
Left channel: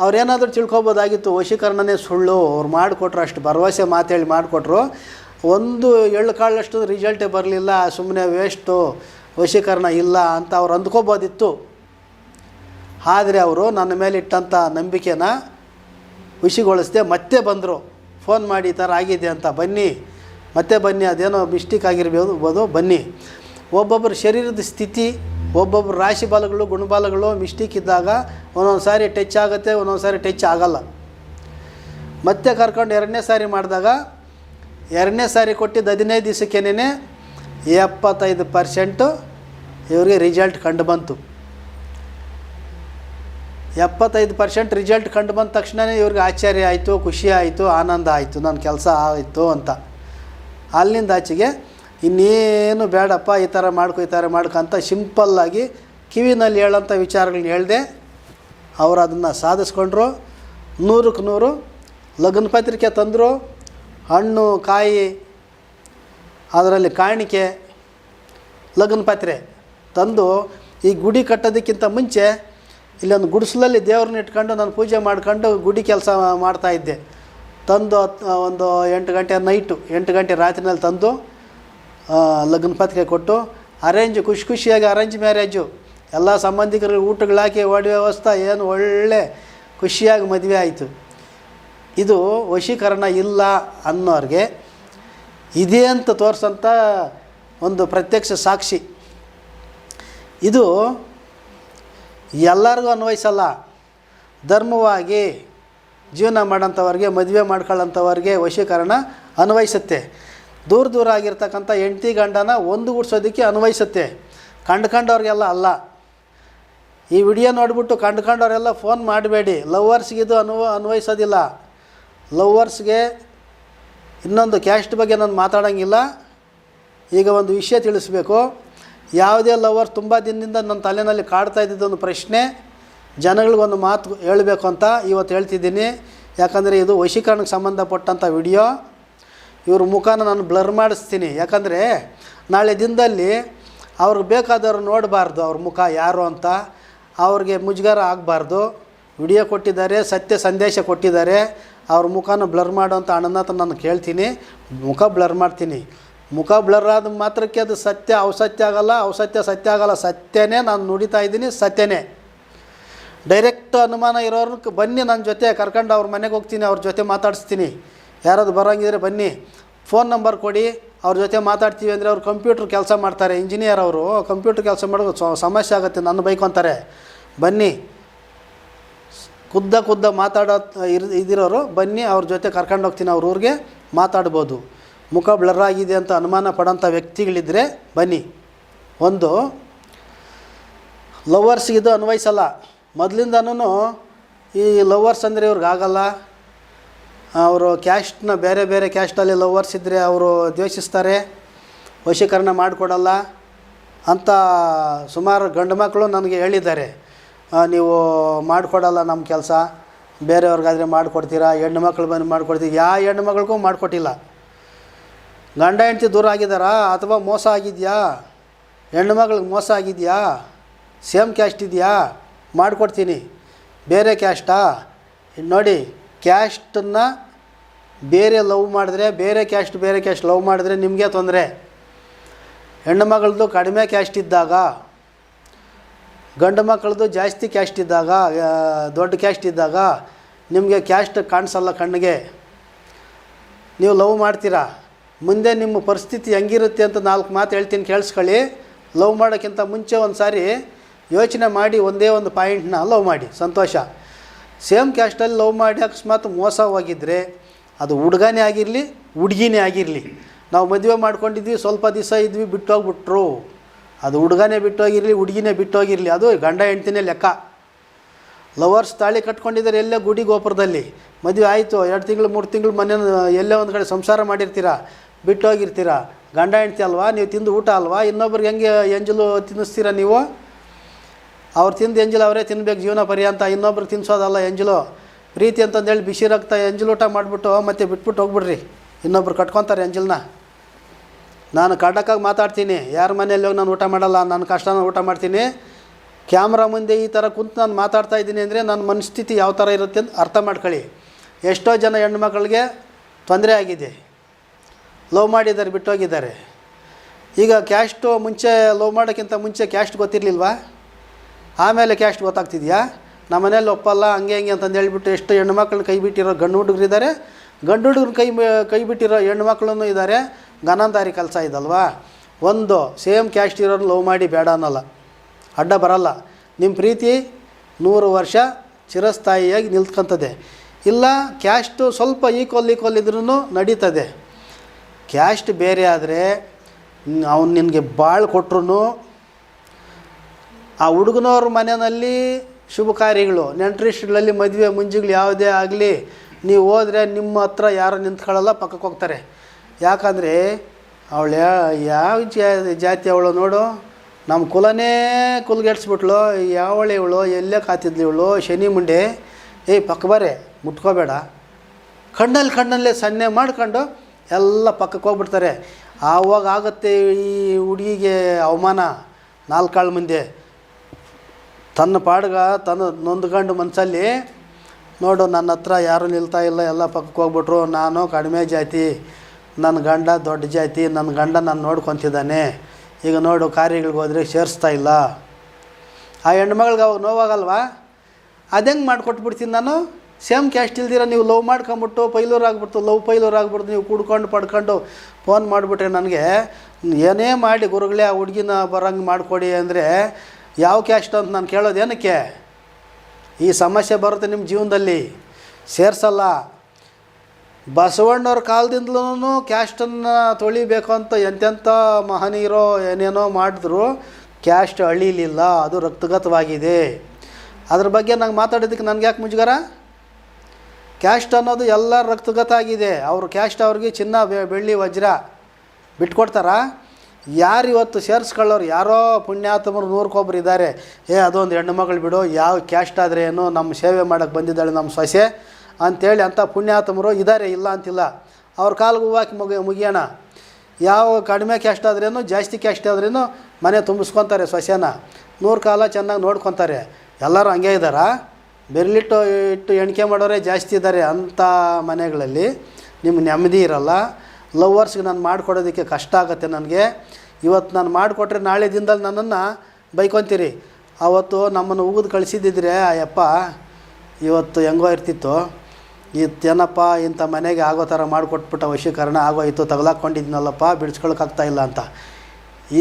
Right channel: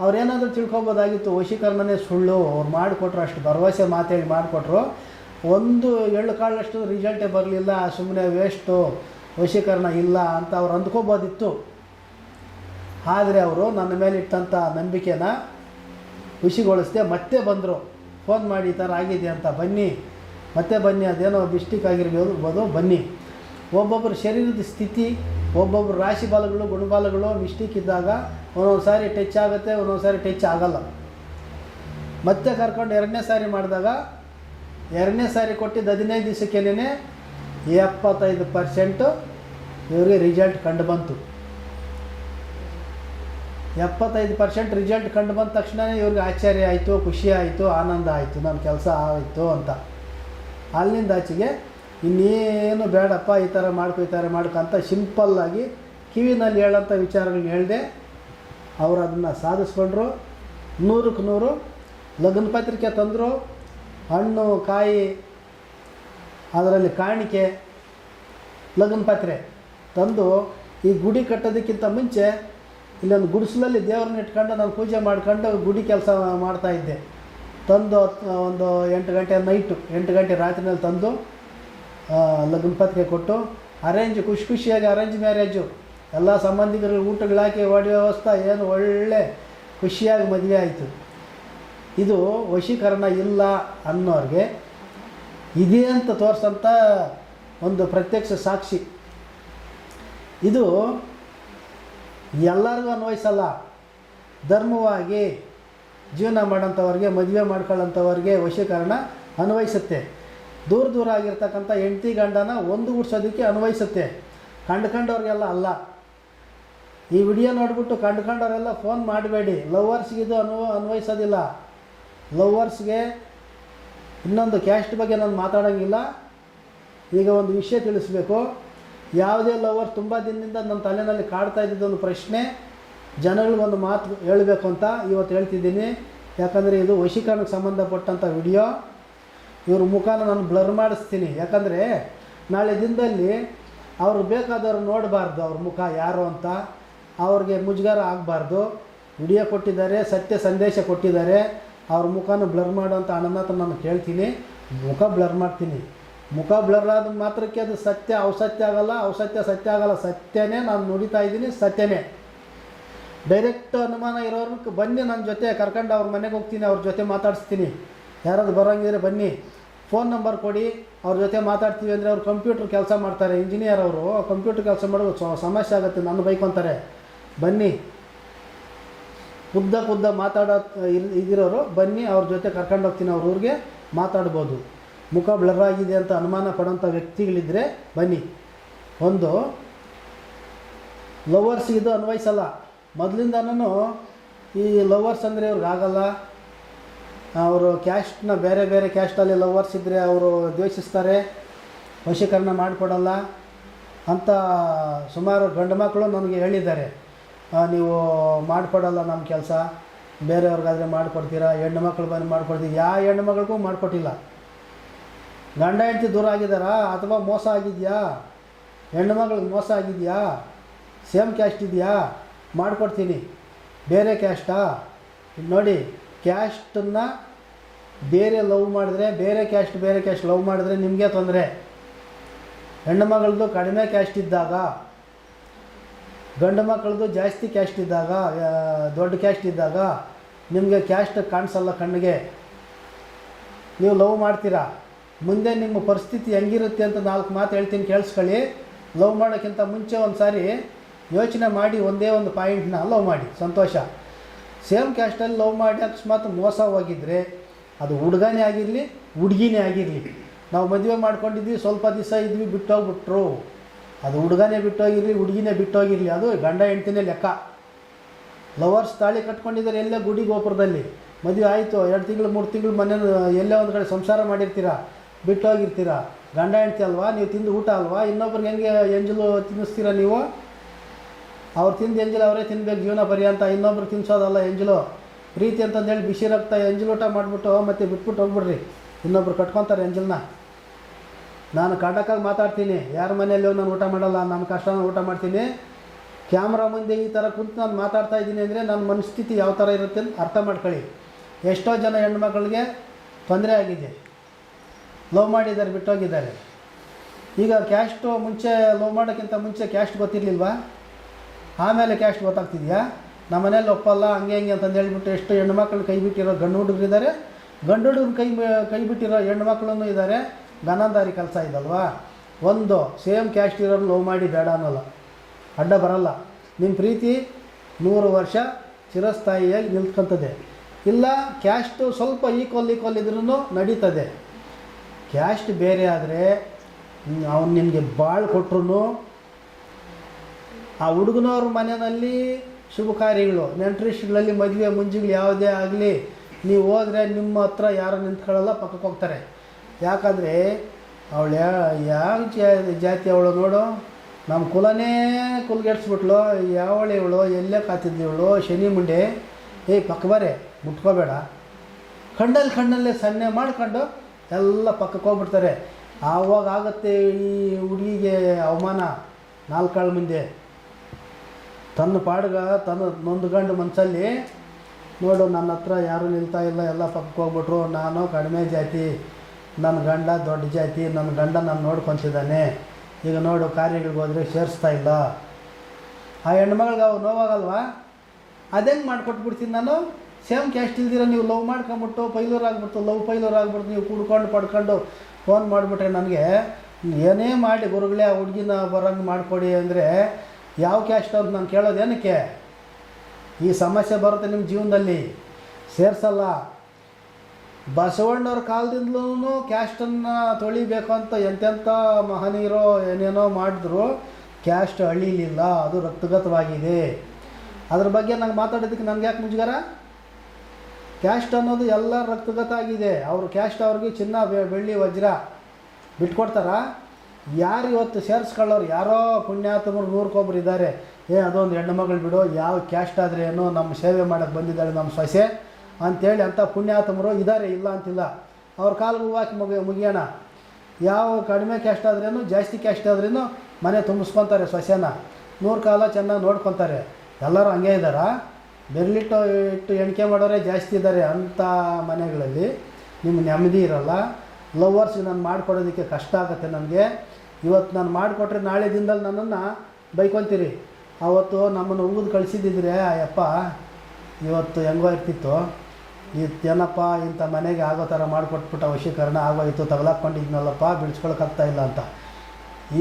ಅವ್ರೇನಾದರೂ ತಿಳ್ಕೊಬೋದಾಗಿತ್ತು ವಶೀಕರಣನೇ ಸುಳ್ಳು, ಅವ್ರು ಮಾಡಿಕೊಟ್ರು, ಅಷ್ಟು ಭರವಸೆ ಮಾತೇಳಿ ಮಾಡಿಕೊಟ್ರು, ಒಂದು ಎಳ್ಳು ಕಾಳಷ್ಟು ರಿಸಲ್ಟೇ ಬರಲಿಲ್ಲ, ಸುಮ್ಮನೆ ವೇಸ್ಟು, ವಶೀಕರಣ ಇಲ್ಲ ಅಂತ ಅವ್ರು ಅಂದ್ಕೋಬೋದಿತ್ತು. ಆದರೆ ಅವರು ನನ್ನ ಮೇಲೆ ಇಟ್ಟಂಥ ನಂಬಿಕೆನ ಖುಷಿಗೊಳಿಸದೆ ಮತ್ತೆ ಬಂದರು, ಫೋನ್ ಮಾಡಿ ಈ ಥರ ಆಗಿದೆ ಅಂತ, ಬನ್ನಿ ಮತ್ತೆ ಬನ್ನಿ, ಅದೇನೋ ಮಿಸ್ಟೇಕ್ ಆಗಿರ್ಬೋದು ಬನ್ನಿ. ಒಬ್ಬೊಬ್ಬರ ಶರೀರದ ಸ್ಥಿತಿ, ಒಬ್ಬೊಬ್ಬರ ರಾಶಿ ಬಾಲಗಳು ಗುಣಬಾಲಗಳು ಮಿಸ್ಟೇಕ್ ಇದ್ದಾಗ ಒಂದೊಂದು ಸಾರಿ ಟಚ್ ಆಗುತ್ತೆ, ಒಂದೊಂದು ಸಾರಿ ಟಚ್ ಆಗಲ್ಲ. ಮತ್ತೆ ಕರ್ಕೊಂಡು 2ನೇ ಸಾರಿ ಮಾಡಿದಾಗ 2ನೇ ಸಾರಿ ಕೊಟ್ಟಿದ್ದು 15 ದಿವಸಕ್ಕೇನೆ 75% ಇವ್ರಿಗೆ ರಿಸಲ್ಟ್ ಕಂಡು ಬಂತು. 75% ರಿಸಲ್ಟ್ ಕಂಡು ಬಂದ ತಕ್ಷಣವೇ ಇವ್ರಿಗೆ ಆಶ್ಚರ್ಯ ಆಯಿತು, ಖುಷಿ ಆಯಿತು, ಆನಂದ ಆಯಿತು, ನನ್ನ ಕೆಲಸ ಆಯಿತು ಅಂತ. ಅಲ್ಲಿಂದ ಆಚೆಗೆ ಇನ್ನೇನು ಬೇಡಪ್ಪ, ಈ ಥರ ಮಾಡ್ಕೊ ಅಂತ ಸಿಂಪಲ್ಲಾಗಿ ಕಿವಿನಲ್ಲಿ ಹೇಳೋಂಥ ವಿಚಾರಗಳನ್ನ ಹೇಳಿದೆ. ಅವರು ಅದನ್ನು ಸಾಧಿಸ್ಕೊಂಡ್ರು. 100ಕ್ಕೆ 100 ಲಗ್ನ ಪತ್ರಿಕೆ ತಂದರು, ಹಣ್ಣು ಕಾಯಿ, ಅದರಲ್ಲಿ ಕಾಣಿಕೆ, ಲಗ್ನ ಪತ್ರೆ ತಂದು ಈ ಗುಡಿ ಕಟ್ಟೋದಕ್ಕಿಂತ ಮುಂಚೆ ಇಲ್ಲೊಂದು ಗುಡಿಸಲಲ್ಲಿ ದೇವ್ರನ್ನ ಇಟ್ಕೊಂಡು ನಾನು ಪೂಜೆ ಮಾಡ್ಕೊಂಡು ಗುಡಿ ಕೆಲಸ ಮಾಡ್ತಾಯಿದ್ದೆ. ತಂದು ಒಂದು 8 ಗಂಟೆ ನೈಟು 8 ಗಂಟೆ ರಾತ್ರಿನಲ್ಲಿ ತಂದು ಲಗ್ನ ಪತ್ರಿಕೆ ಕೊಟ್ಟು ಖುಷಿಯಾಗಿ ಅರೇಂಜ್ ಮ್ಯಾರೇಜು, ಎಲ್ಲ ಸಂಬಂಧಿಕರಿಗೆ ಊಟಗಳಾಕಿ ಒಡೆ ವ್ಯವಸ್ಥೆ, ಏನು ಒಳ್ಳೆ ಖುಷಿಯಾಗಿ ಮದುವೆ ಆಯಿತು. ಇದು ವಶೀಕರಣ ಇಲ್ಲ ಅನ್ನೋರಿಗೆ ಇದೆ ಅಂತ ತೋರಿಸೋಂಥ ಒಂದು ಪ್ರತ್ಯಕ್ಷ ಸಾಕ್ಷಿ. ಇದು ಎಲ್ಲರಿಗೂ ಅನ್ವಯಿಸಲ್ಲ. ಧರ್ಮವಾಗಿ ಜೀವನ ಮಾಡೋಂಥವ್ರಿಗೆ, ಮದುವೆ ಮಾಡ್ಕೊಳ್ಳೋಂಥವ್ರಿಗೆ ವಶೀಕರಣ ಅನ್ವಯಿಸುತ್ತೆ. ದೂರ ಆಗಿರ್ತಕ್ಕಂಥ ಹೆಂಡತಿ ಗಂಡನ ಒಂದುಗೂಡ್ಸೋದಕ್ಕೆ ಅನ್ವಯಿಸುತ್ತೆ, ಕಂಡ್ಕೊಂಡವ್ರಿಗೆಲ್ಲ ಅಲ್ಲ. ಈ ವಿಡಿಯೋ ನೋಡಿಬಿಟ್ಟು ಕಂಡ್ಕೊಂಡವ್ರೆಲ್ಲ ಫೋನ್ ಮಾಡಬೇಡಿ. ಲವ್ವರ್ಸ್ಗಿದು ಅನ್ವಯಿಸೋದಿಲ್ಲ. ಲವ್ವರ್ಸ್ಗೆ ಇನ್ನೊಂದು ಕ್ಯಾಸ್ಟ್ ಬಗ್ಗೆ ನಾನು ಮಾತಾಡೋಂಗಿಲ್ಲ. ಈಗ ಒಂದು ವಿಷಯ ತಿಳಿಸ್ಬೇಕು. ಯಾವುದೇ ಲವರ್ ತುಂಬ ದಿನದಿಂದ ನನ್ನ ತಲೆಯಲ್ಲಿ ಕಾಡ್ತಾ ಇದ್ದಿದ್ದೊಂದು ಪ್ರಶ್ನೆ, ಜನಗಳಿಗೊಂದು ಮಾತು ಹೇಳಬೇಕು ಅಂತ ಇವತ್ತು ಹೇಳ್ತಿದ್ದೀನಿ. ಯಾಕಂದರೆ ಇದು ವಶೀಕರಣಕ್ಕೆ ಸಂಬಂಧಪಟ್ಟಂಥ ವಿಡಿಯೋ. ಇವ್ರ ಮುಖಾನ ನಾನು ಬ್ಲರ್ ಮಾಡಿಸ್ತೀನಿ. ಯಾಕಂದರೆ ನಾಳೆ ದಿನದಲ್ಲಿ ಅವ್ರಿಗೆ ಬೇಕಾದವ್ರು ನೋಡಬಾರ್ದು ಅವ್ರ ಮುಖ ಯಾರು ಅಂತ, ಅವ್ರಿಗೆ ಮುಜುಗರ ಆಗಬಾರ್ದು. ವಿಡಿಯೋ ಕೊಟ್ಟಿದ್ದಾರೆ, ಸತ್ಯ ಸಂದೇಶ ಕೊಟ್ಟಿದ್ದಾರೆ, ಅವ್ರ ಮುಖನ ಬ್ಲರ್ ಮಾಡೋಂಥ ಅಣ್ಣನ ಹತ್ರ ನಾನು ಕೇಳ್ತೀನಿ, ಮುಖ ಬ್ಲರ್ ಮಾಡ್ತೀನಿ. ಮುಖ ಬ್ಲರ್ ಆದ ಮಾತ್ರಕ್ಕೆ ಅದು ಸತ್ಯ ಅವಸತ್ಯ ಆಗಲ್ಲ, ಅವಸತ್ಯ ಸತ್ಯ ಆಗಲ್ಲ. ಸತ್ಯನೇ ನಾನು ನುಡಿತಾ ಇದ್ದೀನಿ, ಸತ್ಯನೇ. ಡೈರೆಕ್ಟ್ ಅನುಮಾನ ಇರೋರ್ನ ಬನ್ನಿ, ನನ್ನ ಜೊತೆ ಕರ್ಕೊಂಡು ಅವ್ರ ಮನೆಗೆ ಹೋಗ್ತೀನಿ, ಅವ್ರ ಜೊತೆ ಮಾತಾಡಿಸ್ತೀನಿ. ಯಾರಾದ್ರು ಬರೋಂಗಿದ್ರೆ ಬನ್ನಿ, ಫೋನ್ ನಂಬರ್ ಕೊಡಿ, ಅವ್ರ ಜೊತೆ ಮಾತಾಡ್ತೀವಿ ಅಂದರೆ ಅವ್ರು ಕಂಪ್ಯೂಟ್ರ್ ಕೆಲಸ ಮಾಡ್ತಾರೆ, ಇಂಜಿನಿಯರ್ ಅವರು, ಕಂಪ್ಯೂಟ್ರ್ ಕೆಲಸ ಮಾಡೋದು ಸಮಸ್ಯೆ ಆಗುತ್ತೆ, ನನ್ನ ಬೈಕೊಂತಾರೆ. ಬನ್ನಿ, ಖುದ್ದ ಮಾತಾಡೋ ಇದಿರೋರು ಬನ್ನಿ, ಅವ್ರ ಜೊತೆ ಕರ್ಕೊಂಡು ಹೋಗ್ತೀನಿ, ಅವ್ರ ಊರಿಗೆ ಮಾತಾಡ್ಬೋದು. ಮುಖ ಬ್ಲರ್ ಆಗಿದೆ ಅಂತ ಅನುಮಾನ ಪಡೋಂಥ ವ್ಯಕ್ತಿಗಳಿದ್ದರೆ ಬನ್ನಿ. ಒಂದು ಲವ್ವರ್ಸ್ಗಿದು ಅನ್ವಯಿಸಲ್ಲ. ಮೊದಲಿಂದನೂ ಈ ಲವ್ವರ್ಸ್ ಅಂದರೆ ಇವ್ರಿಗಾಗಲ್ಲ. ಅವರು ಕ್ಯಾಸ್ಟ್ನ ಬೇರೆ ಕ್ಯಾಸ್ಟಲ್ಲಿ ಲವ್ವರ್ಸ್ ಇದ್ದರೆ ಅವರು ದ್ವೇಷಿಸ್ತಾರೆ, ವಶೀಕರಣ ಮಾಡಿಕೊಡಲ್ಲ ಅಂತ ಸುಮಾರು ಗಂಡು ಮಕ್ಕಳು ನನಗೆ ಹೇಳಿದ್ದಾರೆ. ನೀವು ಮಾಡಿಕೊಡಲ್ಲ ನಮ್ಮ ಕೆಲಸ, ಬೇರೆಯವ್ರಿಗಾದರೆ ಮಾಡಿಕೊಡ್ತೀರಾ, ಹೆಣ್ಣು ಮಕ್ಕಳು ಬಂದು ಮಾಡಿಕೊಡ್ತೀವಿ. ಯಾವ ಹೆಣ್ಣು ಮಗಳಿಗೂ ಮಾಡಿಕೊಟ್ಟಿಲ್ಲ. ಗಂಡ ಹೆಂಡತಿ ದೂರ ಆಗಿದ್ದಾರಾ ಅಥವಾ ಮೋಸ ಆಗಿದೆಯಾ, ಹೆಣ್ಣು ಮಗಳಿಗೆ ಮೋಸ ಆಗಿದೆಯಾ, ಸೇಮ್ ಕ್ಯಾಸ್ಟ್ ಇದೆಯಾ, ಮಾಡಿಕೊಡ್ತೀನಿ. ಬೇರೆ ಕ್ಯಾಸ್ಟಾ ನೋಡಿ, ಕ್ಯಾಸ್ಟನ್ನು ಬೇರೆ ಲವ್ ಮಾಡಿದ್ರೆ, ಬೇರೆ ಕ್ಯಾಸ್ಟ್ ಲವ್ ಮಾಡಿದ್ರೆ ನಿಮಗೆ ತೊಂದರೆ. ಹೆಣ್ಣು ಮಗಳದ್ದು ಕಡಿಮೆ ಕ್ಯಾಸ್ಟ್ ಇದ್ದಾಗ, ಗಂಡು ಮಕ್ಕಳದು ಜಾಸ್ತಿ ಕ್ಯಾಸ್ಟ್ ಇದ್ದಾಗ, ದೊಡ್ಡ ಕ್ಯಾಸ್ಟ್ ಇದ್ದಾಗ ನಿಮಗೆ ಕ್ಯಾಸ್ಟ್ ಕಾಣಿಸಲ್ಲ ಕಣ್ಣಿಗೆ. ನೀವು ಲವ್ ಮಾಡ್ತೀರಾ, ಮುಂದೆ ನಿಮ್ಮ ಪರಿಸ್ಥಿತಿ ಹೆಂಗಿರುತ್ತೆ ಅಂತ 4 ಮಾತು ಹೇಳ್ತೀನಿ, ಕೇಳಿಸ್ಕೊಳ್ಳಿ. ಲವ್ ಮಾಡೋಕ್ಕಿಂತ ಮುಂಚೆ ಒಂದು ಸಾರಿ ಯೋಚನೆ ಮಾಡಿ, ಒಂದೇ ಒಂದು ಪಾಯಿಂಟ್ನ ಲವ್ ಮಾಡಿ, ಸಂತೋಷ. ಸೇಮ್ ಕ್ಯಾಸ್ಟಲ್ಲಿ ಲವ್ ಮಾಡಿ ಅಕಸ್ಮಾತ್ ಮೋಸ ಹೋಗಿದ್ರೆ, ಅದು ಹುಡುಗನೇ ಆಗಿರಲಿ ಹುಡುಗಿನೇ ಆಗಿರಲಿ, ನಾವು ಮದುವೆ ಮಾಡ್ಕೊಂಡಿದ್ವಿ, ಸ್ವಲ್ಪ ದಿವಸ ಇದ್ವಿ, ಬಿಟ್ಟೋಗ್ಬಿಟ್ರು, ಅದು ಹುಡುಗನೇ ಬಿಟ್ಟೋಗಿರಲಿ ಹುಡುಗಿನೇ ಬಿಟ್ಟೋಗಿರಲಿ, ಅದು ಗಂಡ ಹೆಂಡ್ತಿನೇ ಲೆಕ್ಕ. ಲವರ್ಸ್ ತಾಳಿ ಕಟ್ಕೊಂಡಿದ್ದಾರೆ ಎಲ್ಲೇ ಗುಡಿ ಗೋಪುರದಲ್ಲಿ, ಮದುವೆ ಆಯಿತು, 2 ತಿಂಗಳು 3 ತಿಂಗಳು ಮನೆ ಎಲ್ಲೇ ಒಂದು ಕಡೆ ಸಂಸಾರ ಮಾಡಿರ್ತೀರ, ಬಿಟ್ಟೋಗಿರ್ತೀರ. ಗಂಡ ಹೆಂಡ್ತಿ ಅಲ್ವಾ, ನೀವು ತಿಂದು ಊಟ ಅಲ್ವಾ, ಇನ್ನೊಬ್ರಿಗೆ ಹೆಂಗೆ ಎಂಜಲು ತಿನ್ನಿಸ್ತೀರ ನೀವು? ಅವ್ರು ತಿಂದು ಎಂಜಲು ಅವರೇ ತಿನ್ಬೇಕು ಜೀವನ ಪರ್ಯಂತ, ಇನ್ನೊಬ್ರಿಗೆ ತಿನ್ನಿಸೋದಲ್ಲ ಎಂಜಲು. ಪ್ರೀತಿ ಅಂತಂದೇಳಿ ಬಿಸಿ ರಕ್ತ ಎಂಜಲು ಊಟ ಮಾಡಿಬಿಟ್ಟು ಮತ್ತೆ ಬಿಟ್ಬಿಟ್ಟು ಹೋಗ್ಬಿಡ್ರಿ. ಇನ್ನೊಬ್ರು ಕಟ್ಕೊತಾರೆ ಎಂಜಲ್ನ. ನಾನು ಖಡಕ್ಕಾಗಿ ಮಾತಾಡ್ತೀನಿ, ಯಾರ ಮನೆಯಲ್ಲಿ ಹೋಗಿ ನಾನು ಊಟ ಮಾಡಲ್ಲ, ನನ್ನ ಕಷ್ಟನ ಊಟ ಮಾಡ್ತೀನಿ. ಕ್ಯಾಮ್ರಾ ಮುಂದೆ ಈ ಥರ ಕುಂತು ನಾನು ಮಾತಾಡ್ತಾ ಇದ್ದೀನಿ ಅಂದರೆ ನನ್ನ ಮನಸ್ಥಿತಿ ಯಾವ ಥರ ಇರುತ್ತೆ ಅಂತ ಅರ್ಥ ಮಾಡ್ಕೊಳ್ಳಿ. ಎಷ್ಟೋ ಜನ ಹೆಣ್ಮಕ್ಳಿಗೆ ತೊಂದರೆ ಆಗಿದೆ, ಲವ್ ಮಾಡಿದ್ದಾರೆ, ಬಿಟ್ಟೋಗಿದ್ದಾರೆ. ಈಗ ಕ್ಯಾಸ್ಟು ಮುಂಚೆ ಲವ್ ಮಾಡೋಕ್ಕಿಂತ ಮುಂಚೆ ಕ್ಯಾಸ್ಟ್ ಗೊತ್ತಿರಲಿಲ್ವಾ? ಆಮೇಲೆ ಕ್ಯಾಸ್ಟ್ ಗೊತ್ತಾಗ್ತಿದೆಯಾ? ನಮ್ಮ ಮನೇಲಿ ಒಪ್ಪಲ್ಲ ಹಂಗೆ ಹಿಂಗೆ ಅಂತಂದು ಹೇಳ್ಬಿಟ್ಟು ಎಷ್ಟು ಹೆಣ್ಮಕ್ಳನ್ನ ಕೈ ಬಿಟ್ಟಿರೋ ಗಂಡು ಹುಡುಗರಿದ್ದಾರೆ, ಗಂಡು ಹುಡುಗರನ್ನ ಕೈ ಬಿಟ್ಟಿರೋ ಹೆಣ್ಮಕ್ಳೂ ಇದ್ದಾರೆ. ಗನಂದಾರಿ ಕೆಲಸ ಇದಲ್ವಾ? ಒಂದು ಸೇಮ್ ಕ್ಯಾಸ್ಟ್ ಇರೋರು ಲವ್ ಮಾಡಿ ಬೇಡ ಅನ್ನಲ್ಲ, ಅಡ್ಡ ಬರಲ್ಲ. ನಿಮ್ಮ ಪ್ರೀತಿ 100 ವರ್ಷ ಚಿರಸ್ಥಾಯಿಯಾಗಿ ನಿಲ್ತ್ಕೊಂತದೆ. ಇಲ್ಲ ಕ್ಯಾಸ್ಟು ಸ್ವಲ್ಪ ಈಕ್ವಲ್ ಇದ್ರೂ ನಡೀತದೆ. ಕ್ಯಾಸ್ಟ್ ಬೇರೆ ಆದರೆ ಅವ್ನು ನಿನಗೆ ಬಾಳು ಕೊಟ್ಟರು, ಆ ಹುಡುಗನವ್ರ ಮನೆಯಲ್ಲಿ ಶುಭ ಕಾರ್ಯಗಳು, ನೆಂಟರಿಷ್ಟಗಳಲ್ಲಿ ಮದುವೆ ಮುಂಜಿಗಳು ಯಾವುದೇ ಆಗಲಿ, ನೀವು ಹೋದರೆ ನಿಮ್ಮ ಹತ್ರ ಯಾರು ನಿಂತ್ಕೊಳ್ಳಲ್ಲ, ಪಕ್ಕಕ್ಕೆ ಹೋಗ್ತಾರೆ. ಯಾಕಂದರೆ ಅವಳು ಯಾವ ಜಾತಿ ಅವಳು ನೋಡು, ನಮ್ಮ ಕುಲನೇ ಕುಲ್ಗೆಡ್ಸ್ಬಿಟ್ಲು, ಯಾವಳೆ ಇವಳು, ಎಲ್ಲೇ ಕಾತಿದ್ಲು ಇವಳು, ಶನಿ ಮುಂಡೆ, ಪಕ್ಕ ಬಾರೆ ಮುಟ್ಕೋಬೇಡ, ಕಣ್ಣಲ್ಲೇ ಸನ್ನೆ ಮಾಡ್ಕೊಂಡು ಎಲ್ಲ ಪಕ್ಕಕ್ಕೆ ಹೋಗ್ಬಿಡ್ತಾರೆ. ಆವಾಗ ಆಗುತ್ತೆ ಈ ಹುಡುಗಿಗೆ ಅವಮಾನ. 4 ಆಳು ಮುಂದೆ ತನ್ನ ಪಾಡ್ಗ ತನ್ನ ನೊಂದ್ಕೊಂಡು ಮನಸ್ಸಲ್ಲಿ, ನೋಡು ನನ್ನ ಹತ್ರ ಯಾರೂ ನಿಲ್ತಾ ಇಲ್ಲ, ಎಲ್ಲ ಪಕ್ಕಕ್ಕೆ ಹೋಗ್ಬಿಟ್ರು, ನಾನು ಕಡಿಮೆ ಜಾತಿ, ನನ್ನ ಗಂಡ ದೊಡ್ಡ ಜಾತಿ, ನನ್ನ ಗಂಡ ನಾನು ನೋಡ್ಕೊತಿದ್ದಾನೆ, ಈಗ ನೋಡು ಕಾರ್ಯಗಳಿಗೆ ಹೋದರೆ ಸೇರಿಸ್ತಾ ಇಲ್ಲ. ಆ ಹೆಣ್ಮಗಳಿಗೆ ಅವಾಗ ನೋವಾಗಲ್ವಾ? ಅದೆಂಗೆ ಮಾಡಿಕೊಟ್ಬಿಡ್ತೀನಿ ನಾನು. ಸೇಮ್ ಕ್ಯಾಸ್ಟ್ ಇಲ್ದಿರ ನೀವು ಲವ್ ಮಾಡ್ಕೊಂಬಿಟ್ಟು ಫೈಲೂರ್ ಆಗ್ಬಿಡ್ತು, ನೀವು ಕುಡ್ಕೊಂಡು ಪಡ್ಕೊಂಡು ಫೋನ್ ಮಾಡಿಬಿಟ್ರೆ ನನಗೆ ಏನೇ ಮಾಡಿ ಗುರುಗಳೇ ಆ ಹುಡುಗಿನ ಬರೋಂಗೆ ಮಾಡಿಕೊಡಿ ಅಂದರೆ ಯಾವ ಕ್ಯಾಸ್ಟ್ ಅಂತ ನಾನು ಕೇಳೋದೇನಕ್ಕೆ? ಈ ಸಮಸ್ಯೆ ಬರುತ್ತೆ ನಿಮ್ಮ ಜೀವನದಲ್ಲಿ, ಸೇರಿಸಲ್ಲ. ಬಸವಣ್ಣವ್ರ ಕಾಲದಿಂದಲೂ ಕ್ಯಾಸ್ಟನ್ನು ತೊಳಿಬೇಕು ಅಂತ ಎಂತೆಂಥ ಮಹನೀಯರೋ ಏನೇನೋ ಮಾಡಿದ್ರು, ಕ್ಯಾಸ್ಟ್ ಅಳಿಲಿಲ್ಲ, ಅದು ರಕ್ತಗತವಾಗಿದೆ. ಅದ್ರ ಬಗ್ಗೆ ನಂಗೆ ಮಾತಾಡೋದಕ್ಕೆ ನನಗೆ ಯಾಕೆ ಮುಜುಗರ? ಕ್ಯಾಸ್ಟ್ ಅನ್ನೋದು ಎಲ್ಲ ರಕ್ತಗತ ಆಗಿದೆ. ಅವ್ರ ಕ್ಯಾಸ್ಟ್ ಅವ್ರಿಗೆ ಚಿನ್ನ ಬೆಳ್ಳಿ ವಜ್ರ ಬಿಟ್ಕೊಡ್ತಾರ? ಯಾರು ಇವತ್ತು ಸೇರಿಸ್ಕೊಳ್ಳೋರು ಯಾರೋ ಪುಣ್ಯಾತ್ಮರು 100 ಇದ್ದಾರೆ, ಅದೊಂದು ಹೆಣ್ಣು ಮಗಳು ಬಿಡು, ಯಾವ ಕ್ಯಾಸ್ಟ್ ಆದರೆ ಏನು, ನಮ್ಮ ಸೇವೆ ಮಾಡೋಕ್ಕೆ ಬಂದಿದ್ದಾಳೆ ನಮ್ಮ ಸೊಸೆ ಅಂಥೇಳಿ ಅಂಥ ಪುಣ್ಯಾತ್ಮರು ಇದ್ದಾರೆ, ಇಲ್ಲ ಅಂತಿಲ್ಲ. ಅವ್ರ ಕಾಲಿಗೆ ಹೂವಾಕಿ ಮುಗಿಯೋಣ. ಯಾವ ಕಡಿಮೆ ಕ್ಯಾಸ್ಟ್ ಆದ್ರೇನು ಜಾಸ್ತಿ ಕ್ಯಾಸ್ಟ್ ಆದ್ರೇನು ಮನೆ ತುಂಬಿಸ್ಕೊತಾರೆ, ಸೊಸೆನ 100 ಕಾಲ ಚೆನ್ನಾಗಿ ನೋಡ್ಕೊತಾರೆ. ಎಲ್ಲರೂ ಹಂಗೆ ಇದ್ದಾರಾ? ಬೆರಳಿಟ್ಟು ಎಣಿಕೆ ಮಾಡೋರೇ ಜಾಸ್ತಿ ಇದ್ದಾರೆ. ಅಂಥ ಮನೆಗಳಲ್ಲಿ ನಿಮ್ಗೆ ನೆಮ್ಮದಿ ಇರಲ್ಲ. ಲವ್ವರ್ಸ್ಗೆ ನಾನು ಮಾಡಿಕೊಡೋದಕ್ಕೆ ಕಷ್ಟ ಆಗುತ್ತೆ ನನಗೆ. ಇವತ್ತು ನಾನು ಮಾಡಿಕೊಟ್ರೆ ನಾಳೆ ದಿನದಲ್ಲಿ ನನ್ನನ್ನು ಬೈಕೊತೀರಿ. ಆವತ್ತು ನಮ್ಮನ್ನು ಉಗಿದು ಕಳಿಸಿದ್ದಿದ್ರೆ ಅಯ್ಯಪ್ಪ ಇವತ್ತು ಹೆಂಗೋ ಇರ್ತಿತ್ತು, ಏನಪ್ಪ ಇಂಥ ಮನೆಗೆ ಆಗೋ ಥರ ಮಾಡಿಕೊಟ್ಬಿಟ್ಟ, ವಶೀಕರಣ ಆಗೋಯಿತು, ತಗಲಾಕೊಂಡಿದ್ನಲ್ಲಪ್ಪ, ಬಿಡಿಸ್ಕೊಳಕ್ಕಾಗ್ತಾಯಿಲ್ಲ ಅಂತ.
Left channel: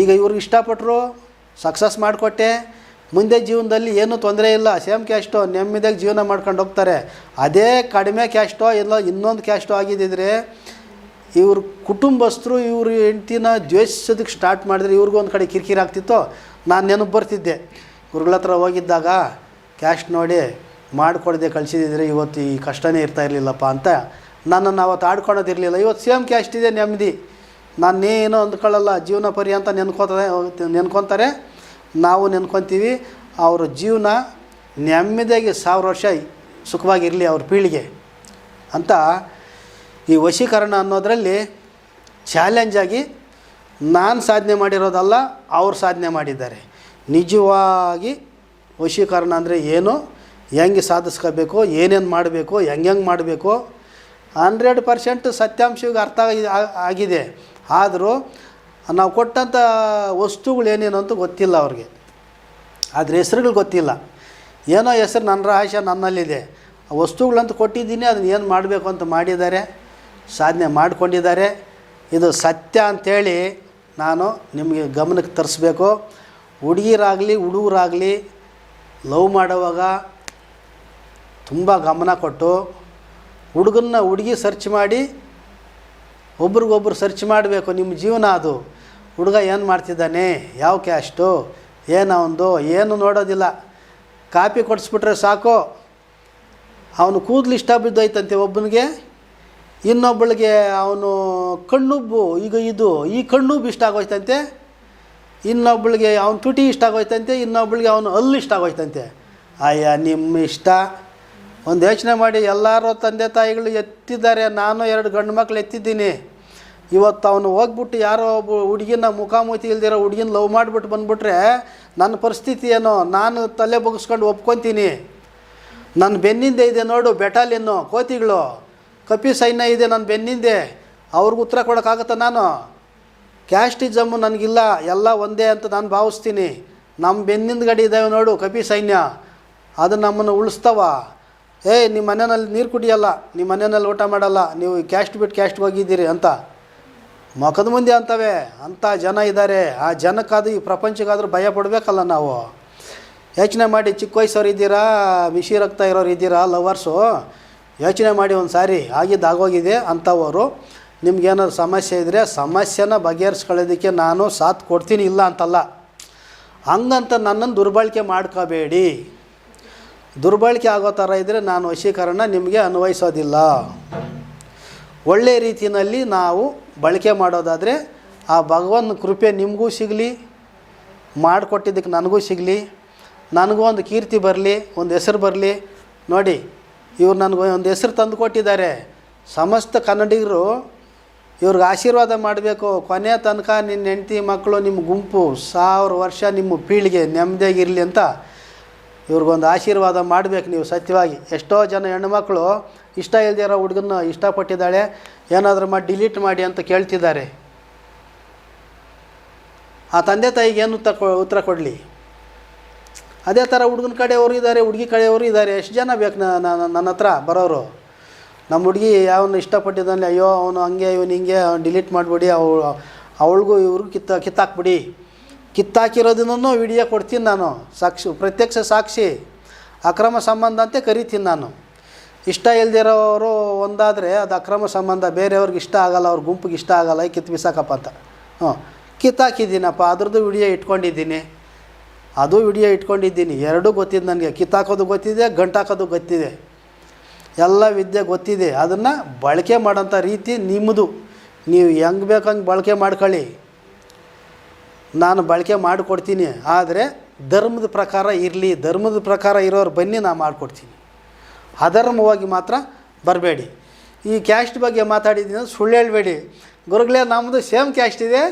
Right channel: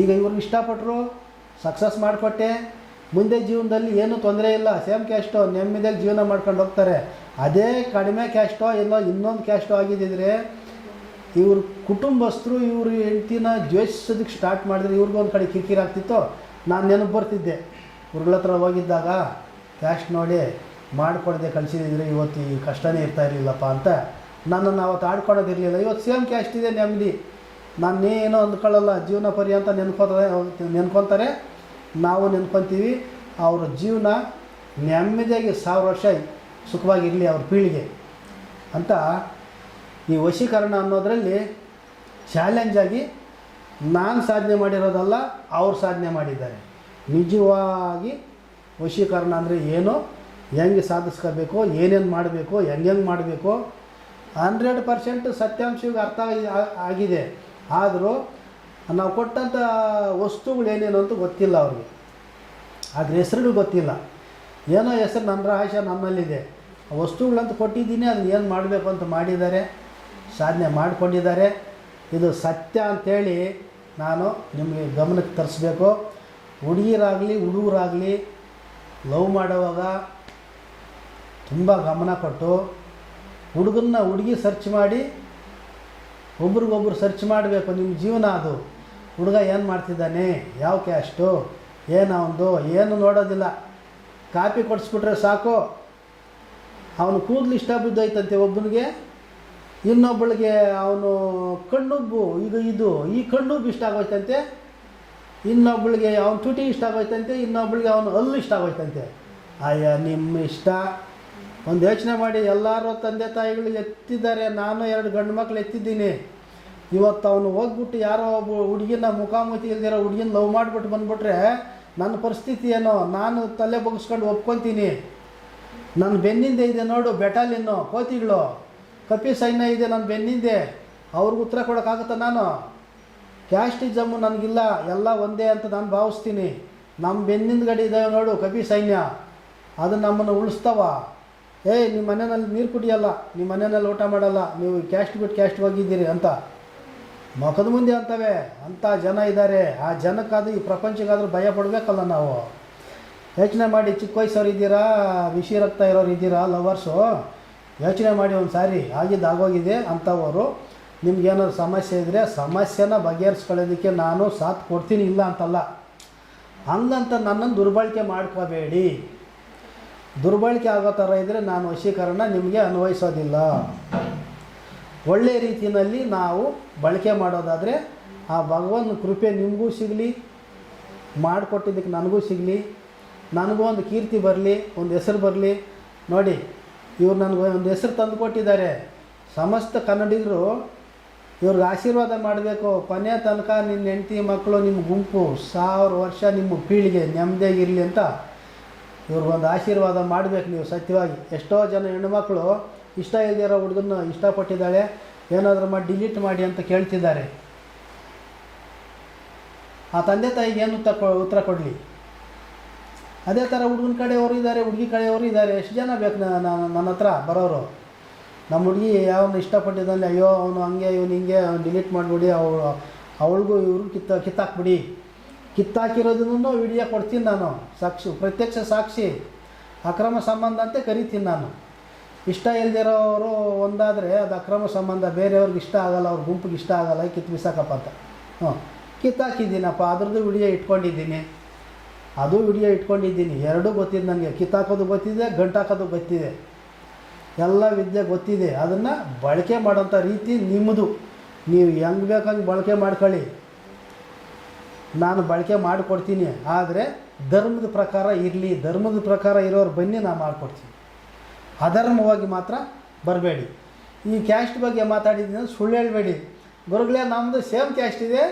ಈಗ ಇವ್ರಿಗೆ ಇಷ್ಟಪಟ್ಟರು, ಸಕ್ಸಸ್ ಮಾಡಿಕೊಟ್ಟೆ, ಮುಂದೆ ಜೀವನದಲ್ಲಿ ಏನೂ ತೊಂದರೆ ಇಲ್ಲ, ಸೇಮ್ ಕ್ಯಾಸ್ಟು ನೆಮ್ಮದಿಯಾಗಿ ಜೀವನ ಮಾಡ್ಕೊಂಡು ಹೋಗ್ತಾರೆ. ಅದೇ ಕಡಿಮೆ ಕ್ಯಾಸ್ಟೋ ಎಲ್ಲ ಇನ್ನೊಂದು ಕ್ಯಾಸ್ಟೋ ಆಗಿದ್ದಿದ್ರೆ ಇವ್ರ ಕುಟುಂಬಸ್ಥರು ಇವ್ರ ಹೆಂಡ್ತಿನ ದ್ವೇಷಿಸೋದಕ್ಕೆ ಸ್ಟಾರ್ಟ್ ಮಾಡಿದ್ರೆ ಇವ್ರಿಗೂ ಒಂದು ಕಡೆ ಕಿರಿಕಿರಿ ಆಗ್ತಿತ್ತು. ನಾನು ನೆನಪು ಬರ್ತಿದ್ದೆ, ಇವ್ರಗಳ ಹತ್ರ ಹೋಗಿದ್ದಾಗ ಕ್ಯಾಸ್ಟ್ ನೋಡಿ ಮಾಡಿಕೊಡದೆ ಕಳಿಸಿದ್ರೆ ಇವತ್ತು ಈ ಕಷ್ಟನೇ ಇರ್ತಾ ಇರಲಿಲ್ಲಪ್ಪ ಅಂತ ನನ್ನನ್ನು ಅವತ್ತು ಆಡ್ಕೊಳೋದಿರಲಿಲ್ಲ. ಇವತ್ತು ಸೇಮ್ ಕ್ಯಾಸ್ಟ್ ಇದೆ, ನೆಮ್ಮದಿ. ನಾನೇನೋ ಅಂದ್ಕೊಳ್ಳಲ್ಲ, ಜೀವನ ಪರ್ಯಂತ ನೆನ್ಕೊತಾರೆ, ನಾವು ನೆನ್ಕೊತೀವಿ. ಅವ್ರ ಜೀವನ ನೆಮ್ಮದಿಯಾಗಿ 1000 ವರ್ಷ ಸುಖವಾಗಿರಲಿ ಅವ್ರ ಪೀಳಿಗೆ ಅಂತ ಈ ವಶೀಕರಣ ಅನ್ನೋದರಲ್ಲಿ ಚಾಲೆಂಜಾಗಿ ನಾನು ಸಾಧನೆ ಮಾಡಿರೋದಲ್ಲ, ಅವ್ರು ಸಾಧನೆ ಮಾಡಿದ್ದಾರೆ. ನಿಜವಾಗಿ ವಶೀಕರಣ ಅಂದರೆ ಏನು, ಹೆಂಗೆ ಸಾಧಿಸ್ಕೋಬೇಕು, ಏನೇನು ಮಾಡಬೇಕು, ಹೆಂಗೆ ಮಾಡಬೇಕು 100% ಸತ್ಯಾಂಶಕ್ಕೆ ಅರ್ಥ ಆಗಿದೆ. ಆದರೂ ನಾವು ಕೊಟ್ಟಂಥ ವಸ್ತುಗಳು ಏನೇನು ಅಂತ ಗೊತ್ತಿಲ್ಲ ಅವ್ರಿಗೆ, ಅದ್ರ ಹೆಸರುಗಳು ಗೊತ್ತಿಲ್ಲ. ಏನೋ ಹೆಸರು ನನ್ನ ರಹಸ್ಯ ನನ್ನಲ್ಲಿದೆ, ಆ ವಸ್ತುಗಳಂತ ಕೊಟ್ಟಿದ್ದೀನಿ, ಅದನ್ನ ಏನು ಮಾಡಬೇಕು ಅಂತ ಮಾಡಿದ್ದಾರೆ, ಸಾಧನೆ ಮಾಡಿಕೊಂಡಿದ್ದಾರೆ. ಇದು ಸತ್ಯ ಅಂಥೇಳಿ ನಾನು ನಿಮಗೆ ಗಮನಕ್ಕೆ ತರಿಸ್ಬೇಕು. ಹುಡುಗಿರಾಗಲಿ ಹುಡುಗರಾಗಲಿ ಲವ್ ಮಾಡುವಾಗ ತುಂಬ ಗಮನ ಕೊಟ್ಟು ಹುಡುಗನ್ನ ಹುಡುಗಿ ಸರ್ಚ್ ಮಾಡಿ ಒಬ್ರಿಗೊಬ್ರು ಸರ್ಚ್ ಮಾಡಬೇಕು. ನಿಮ್ಮ ಜೀವನ ಅದು. ಹುಡುಗ ಏನು ಮಾಡ್ತಿದ್ದಾನೆ, ಯಾವ ಕ್ಯಾಸ್ಟು, ಏನವನು ಏನು ನೋಡೋದಿಲ್ಲ. ಕಾಪಿ ಕೊಡಿಸ್ಬಿಟ್ರೆ ಸಾಕು, ಅವನು ಕೂದಲು ಇಷ್ಟ ಬಿದ್ದೋಯ್ತಂತೆ ಒಬ್ಬನಿಗೆ, ಇನ್ನೊಬ್ಬಳಿಗೆ ಅವನು ಕಣ್ಣುಬ್ಬು, ಈಗ ಈ ಕಣ್ಣುಬ್ಬು ಇಷ್ಟ ಆಗೋಯ್ತಂತೆ, ಇನ್ನೊಬ್ಬಳಿಗೆ ಅವನು ತುಟಿ ಇಷ್ಟ ಆಗೋಯ್ತಂತೆ, ಇನ್ನೊಬ್ಬಳಿಗೆ ಅವನು ಹಲ್ಲು ಇಷ್ಟ ಆಗೋಯ್ತಂತೆ. ಅಯ್ಯ ನಿಮ್ಮ ಇಷ್ಟ, ಒಂದು ಯೋಚನೆ ಮಾಡಿ, ಎಲ್ಲರೂ ತಂದೆ ತಾಯಿಗಳು ಎತ್ತಿದ್ದಾರೆ, ನಾನು 2 ಗಂಡು ಮಕ್ಕಳು ಎತ್ತಿದ್ದೀನಿ. ಇವತ್ತು ಅವನು ಹೋಗ್ಬಿಟ್ಟು ಯಾರೋ ಒಬ್ಬ ಹುಡುಗಿನ ಮುಖಾಮುಖಿ ಇಲ್ದಿರೋ ಹುಡುಗಿನ ಲವ್ ಮಾಡಿಬಿಟ್ಟು ಬಂದುಬಿಟ್ರೆ ನನ್ನ ಪರಿಸ್ಥಿತಿ ಏನೋ? ನಾನು ತಲೆ ಬಗ್ಗಿಸ್ಕೊಂಡು ಒಪ್ಕೊತೀನಿ. ನನ್ನ ಬೆನ್ನಿಂದೆ ಇದೆ ನೋಡು ಬೆಟಾಲಿಯನ್ನು, ಕೋತಿಗಳು, ಕಪಿ ಸೈನ್ಯ ಇದೆ ನನ್ನ ಬೆನ್ನಿಂದೆ. ಅವ್ರಿಗೆ ಉತ್ತರ ಕೊಡೋಕ್ಕಾಗತ್ತಾ? ನಾನು ಕ್ಯಾಸ್ಟಿಸಮ್ಮು ನನಗಿಲ್ಲ, ಎಲ್ಲ ಒಂದೇ ಅಂತ ನಾನು ಭಾವಿಸ್ತೀನಿ. ನಮ್ಮ ಬೆನ್ನಿಂದ ಗಡಿ ಇದ್ದಾವೆ ನೋಡು ಕಪಿ ಸೈನ್ಯ, ಅದು ನಮ್ಮನ್ನು ಉಳಿಸ್ತಾವ. ನಿಮ್ಮ ಮನೆಯಲ್ಲಿ ನೀರು ಕುಡಿಯಲ್ಲ, ನಿಮ್ಮ ಮನೆಯಲ್ಲಿ ಊಟ ಮಾಡಲ್ಲ, ನೀವು ಕ್ಯಾಸ್ಟ್ ಬಿಟ್ಟು ಕ್ಯಾಸ್ಟ್ಗೆ ಹೋಗಿದ್ದೀರಿ ಅಂತ ಮುಖದ ಮುಂದೆ ಅಂತವೆ. ಅಂಥ ಜನ ಇದ್ದಾರೆ. ಆ ಜನಕ್ಕಾದ್ರೂ ಈ ಪ್ರಪಂಚಕ್ಕಾದ್ರೂ ಭಯ ಪಡಬೇಕಲ್ಲ ನಾವು. ಯೋಚನೆ ಮಾಡಿ, ಚಿಕ್ಕ ವಯಸ್ಸವ್ರು ಇದ್ದೀರಾ, ಬಿಸಿ ರಕ್ತ ಇರೋರು ಇದ್ದೀರಾ, ಲವರ್ಸು, ಯೋಚನೆ ಮಾಡಿ ಒಂದು ಸಾರಿ. ಆಗೋಗಿದೆ ಅಂಥವರು. ನಿಮ್ಗೇನಾದ್ರು ಸಮಸ್ಯೆ ಇದ್ದರೆ ಸಮಸ್ಯೆನ ಬಗೆಹರಿಸ್ಕೊಳ್ಳೋದಕ್ಕೆ ನಾನು ಸಾಥ್ ಕೊಡ್ತೀನಿ, ಇಲ್ಲ ಅಂತಲ್ಲ. ಹಂಗಂತ ನನ್ನನ್ನು ದುರ್ಬಳಕೆ ಮಾಡ್ಕೋಬೇಡಿ. ದುರ್ಬಳಕೆ ಆಗೋ ಥರ ಇದ್ದರೆ ನಾನು ವಶೀಕರಣ ನಿಮಗೆ ಅನ್ವಯಿಸೋದಿಲ್ಲ. ಒಳ್ಳೆಯ ರೀತಿಯಲ್ಲಿ ನಾವು ಬಳಕೆ ಮಾಡೋದಾದರೆ ಆ ಭಗವಂತನ ಕೃಪೆ ನಿಮಗೂ ಸಿಗಲಿ, ಮಾಡಿಕೊಟ್ಟಿದ್ದಕ್ಕೆ ನನಗೂ ಸಿಗಲಿ, ನನಗೂ ಒಂದು ಕೀರ್ತಿ ಬರಲಿ, ಒಂದು ಹೆಸರು ಬರಲಿ. ನೋಡಿ, ಇವ್ರು ನನಗೆ ಒಂದು ಹೆಸರು ತಂದು ಕೊಟ್ಟಿದ್ದಾರೆ. ಸಮಸ್ತ ಕನ್ನಡಿಗರು ಇವ್ರಿಗೆ ಆಶೀರ್ವಾದ ಮಾಡಬೇಕು. ಕೊನೆಯ ತನಕ ನಿನ್ನ ಹೆಂಡತಿ ಮಕ್ಕಳು, ನಿಮ್ಮ ಗುಂಪು 1000 ವರ್ಷ ನಿಮ್ಮ ಪೀಳಿಗೆ ನೆಮ್ಮದಿಯಾಗಿರಲಿ ಅಂತ ಇವ್ರಿಗೊಂದು ಆಶೀರ್ವಾದ ಮಾಡಬೇಕು ನೀವು ಸತ್ಯವಾಗಿ. ಎಷ್ಟೋ ಜನ ಹೆಣ್ಣುಮಕ್ಕಳು ಇಷ್ಟ ಇಲ್ದಿರೋ ಹುಡುಗನ್ನ ಇಷ್ಟಪಟ್ಟಿದ್ದಾಳೆ, ಏನಾದರೂ ಮಾಡಿ ಡಿಲೀಟ್ ಮಾಡಿ ಅಂತ ಕೇಳ್ತಿದ್ದಾರೆ. ಆ ತಂದೆ ತಾಯಿಗೆ ಏನು ಉತ್ತರ ಕೊಡಲಿ? ಅದೇ ಥರ ಹುಡುಗನ ಕಡೆಯವರು ಇದ್ದಾರೆ, ಹುಡುಗಿ ಕಡೆಯವರು ಇದ್ದಾರೆ. ಎಷ್ಟು ಜನ ಬೇಕು ನನ್ನ ಹತ್ರ ಬರೋರು? ನಮ್ಮ ಹುಡುಗಿ ಯಾವನು ಇಷ್ಟಪಟ್ಟಿದ್ದಾನೆ, ಅಯ್ಯೋ ಅವನು ಹಂಗೆ ಇವನು ಹಿಂಗೆ, ಅವ್ನು ಡಿಲೀಟ್ ಮಾಡಿಬಿಡಿ, ಅವಳಿಗೂ ಇವ್ರಿಗೂ ಕಿತ್ತಾಕ್ಬಿಡಿ. ಕಿತ್ತಾಕಿರೋದನ್ನು ವಿಡಿಯೋ ಕೊಡ್ತೀನಿ ನಾನು, ಪ್ರತ್ಯಕ್ಷ ಸಾಕ್ಷಿ. ಅಕ್ರಮ ಸಂಬಂಧ ಅಂತ ಕರಿತೀನಿ ನಾನು. ಇಷ್ಟ ಇಲ್ದಿರೋರು ಒಂದಾದರೆ ಅದು ಅಕ್ರಮ ಸಂಬಂಧ, ಬೇರೆಯವ್ರಿಗೆ ಇಷ್ಟ ಆಗೋಲ್ಲ, ಅವ್ರ ಗುಂಪಿಗೆ ಇಷ್ಟ ಆಗೋಲ್ಲ, ಕಿತ್ತು ಬಿಸಾಕಪ್ಪ ಅಂತ. ಕಿತ್ತಾಕಿದ್ದೀನಪ್ಪ, ಅದ್ರದ್ದು ವಿಡಿಯೋ ಇಟ್ಕೊಂಡಿದ್ದೀನಿ, ಅದು ವಿಡಿಯೋ ಇಟ್ಕೊಂಡಿದ್ದೀನಿ. ಎರಡೂ ಗೊತ್ತಿದೆ ನನಗೆ. ಕಿತ್ತಾಕೋದು ಗೊತ್ತಿದೆ, ಗಂಟಾಕೋದು ಗೊತ್ತಿದೆ, ಎಲ್ಲ ವಿದ್ಯೆ ಗೊತ್ತಿದೆ. ಅದನ್ನು ಬಳಕೆ ಮಾಡೋಂಥ ರೀತಿ ನಿಮ್ಮದು. ನೀವು ಹೆಂಗೆ ಬೇಕಂಗೆ ಬಳಕೆ ಮಾಡ್ಕೊಳ್ಳಿ, ನಾನು ಬಳಕೆ ಮಾಡಿಕೊಡ್ತೀನಿ. ಆದರೆ ಧರ್ಮದ ಪ್ರಕಾರ ಇರಲಿ, ಧರ್ಮದ ಪ್ರಕಾರ ಇರೋರು ಬನ್ನಿ, ನಾನು ಮಾಡಿಕೊಡ್ತೀನಿ. ಅಧರ್ಮವಾಗಿ ಮಾತ್ರ ಬರಬೇಡಿ. ಈ ಕ್ಯಾಸ್ಟ್ ಬಗ್ಗೆ ಮಾತಾಡಿದ್ದೀನಿ, ಸುಳ್ಳು ಹೇಳಬೇಡಿ. ಗುರುಗಳೇ ನಮ್ಮದು ಸೇಮ್ ಕ್ಯಾಸ್ಟ್ ಇದೆ,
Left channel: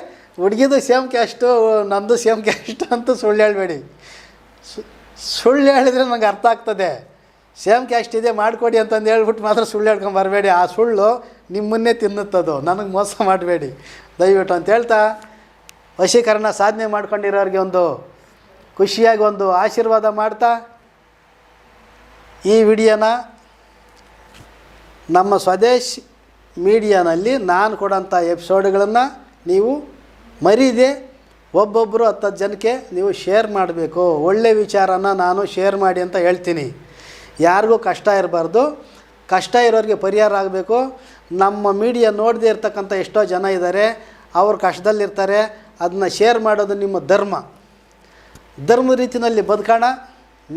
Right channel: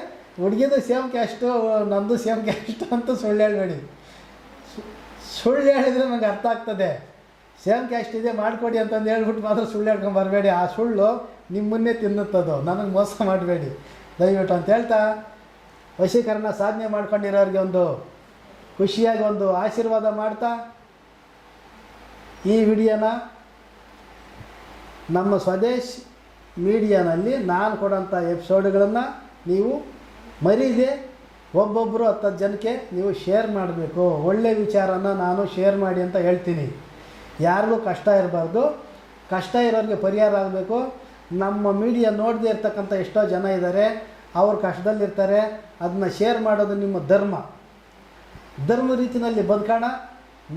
ಹುಡುಗಿದು ಸೇಮ್ ಕ್ಯಾಸ್ಟು, ನಮ್ಮದು ಸೇಮ್ ಕ್ಯಾಸ್ಟ್ ಅಂತ ಸುಳ್ಳು ಹೇಳಬೇಡಿ. ಸುಳ್ಳು ಹೇಳಿದರೆ ನನಗೆ ಅರ್ಥ ಆಗ್ತದೆ. ಸೇಮ್ ಕ್ಯಾಸ್ಟ್ ಇದೆ ಮಾಡಿಕೊಡಿ ಅಂತಂದು ಹೇಳ್ಬಿಟ್ಟು ಮಾತ್ರ ಸುಳ್ಳು ಹೇಳ್ಕೊಂಡು ಬರಬೇಡಿ. ಆ ಸುಳ್ಳು ನಿಮ್ಮನ್ನೇ ತಿನ್ನುತ್ತದು. ನನಗೆ ಮೋಸ ಮಾಡಬೇಡಿ ದಯವಿಟ್ಟು ಅಂತ ಹೇಳ್ತಾ, ವಶೀಕರಣ ಸಾಧನೆ ಮಾಡ್ಕೊಂಡಿರೋರಿಗೆ ಒಂದು ಖುಷಿಯಾಗಿ ಒಂದು ಆಶೀರ್ವಾದ ಮಾಡ್ತಾ, ಈ ವಿಡಿಯೋನ ನಮ್ಮ ಸ್ವದೇಶ್ ಮೀಡಿಯಾನಲ್ಲಿ ನಾನು ಕೊಡೋಂಥ ಎಪಿಸೋಡ್ಗಳನ್ನು ನೀವು ಮರೀದೆ ಒಬ್ಬೊಬ್ಬರು 10 ಜನಕ್ಕೆ ನೀವು ಶೇರ್ ಮಾಡಬೇಕು. ಒಳ್ಳೆಯ ವಿಚಾರನ ನಾನು ಶೇರ್ ಮಾಡಿ ಅಂತ ಹೇಳ್ತೀನಿ. ಯಾರಿಗೂ ಕಷ್ಟ ಇರಬಾರ್ದು, ಕಷ್ಟ ಇರೋರಿಗೆ ಪರಿಹಾರ ಆಗಬೇಕು. ನಮ್ಮ ಮೀಡಿಯಾ ನೋಡದೇ ಇರ್ತಕ್ಕಂಥ ಎಷ್ಟೋ ಜನ ಇದ್ದಾರೆ, ಅವ್ರು ಕಷ್ಟದಲ್ಲಿರ್ತಾರೆ. ಅದನ್ನ ಶೇರ್ ಮಾಡೋದು ನಿಮ್ಮ ಧರ್ಮ. ಧರ್ಮದ ರೀತಿಯಲ್ಲಿ ಬದುಕೋಣ,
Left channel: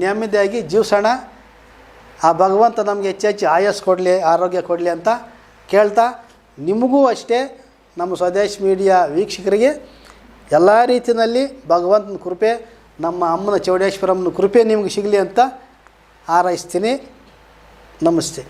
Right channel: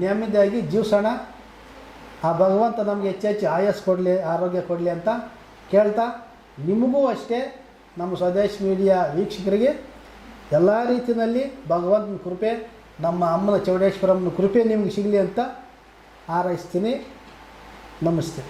ನೆಮ್ಮದಿಯಾಗಿ ಜೀವಿಸೋಣ. ಆ ಭಗವಂತ ನಮಗೆ ಹೆಚ್ಚೆಚ್ಚು ಆಯಸ್ಸು ಕೊಡಲಿ, ಆರೋಗ್ಯ ಕೊಡಲಿ ಅಂತ ಕೇಳ್ತಾ, ನಿಮಗೂ ಅಷ್ಟೇ, ನಮ್ಮ ಸ್ವದೇಶ್ ಮೀಡಿಯಾ ವೀಕ್ಷಕರಿಗೆ ಎಲ್ಲ ರೀತಿಯಲ್ಲಿ ಭಗವಂತನ ಕೃಪೆ, ನಮ್ಮ ಅಮ್ಮನ ಚೌಡೇಶ್ವರಮ್ಮನ ಕೃಪೆ ನಿಮಗೆ ಸಿಗಲಿ ಅಂತ ಹಾರೈಸ್ತೀನಿ. ನಮಸ್ತೆ.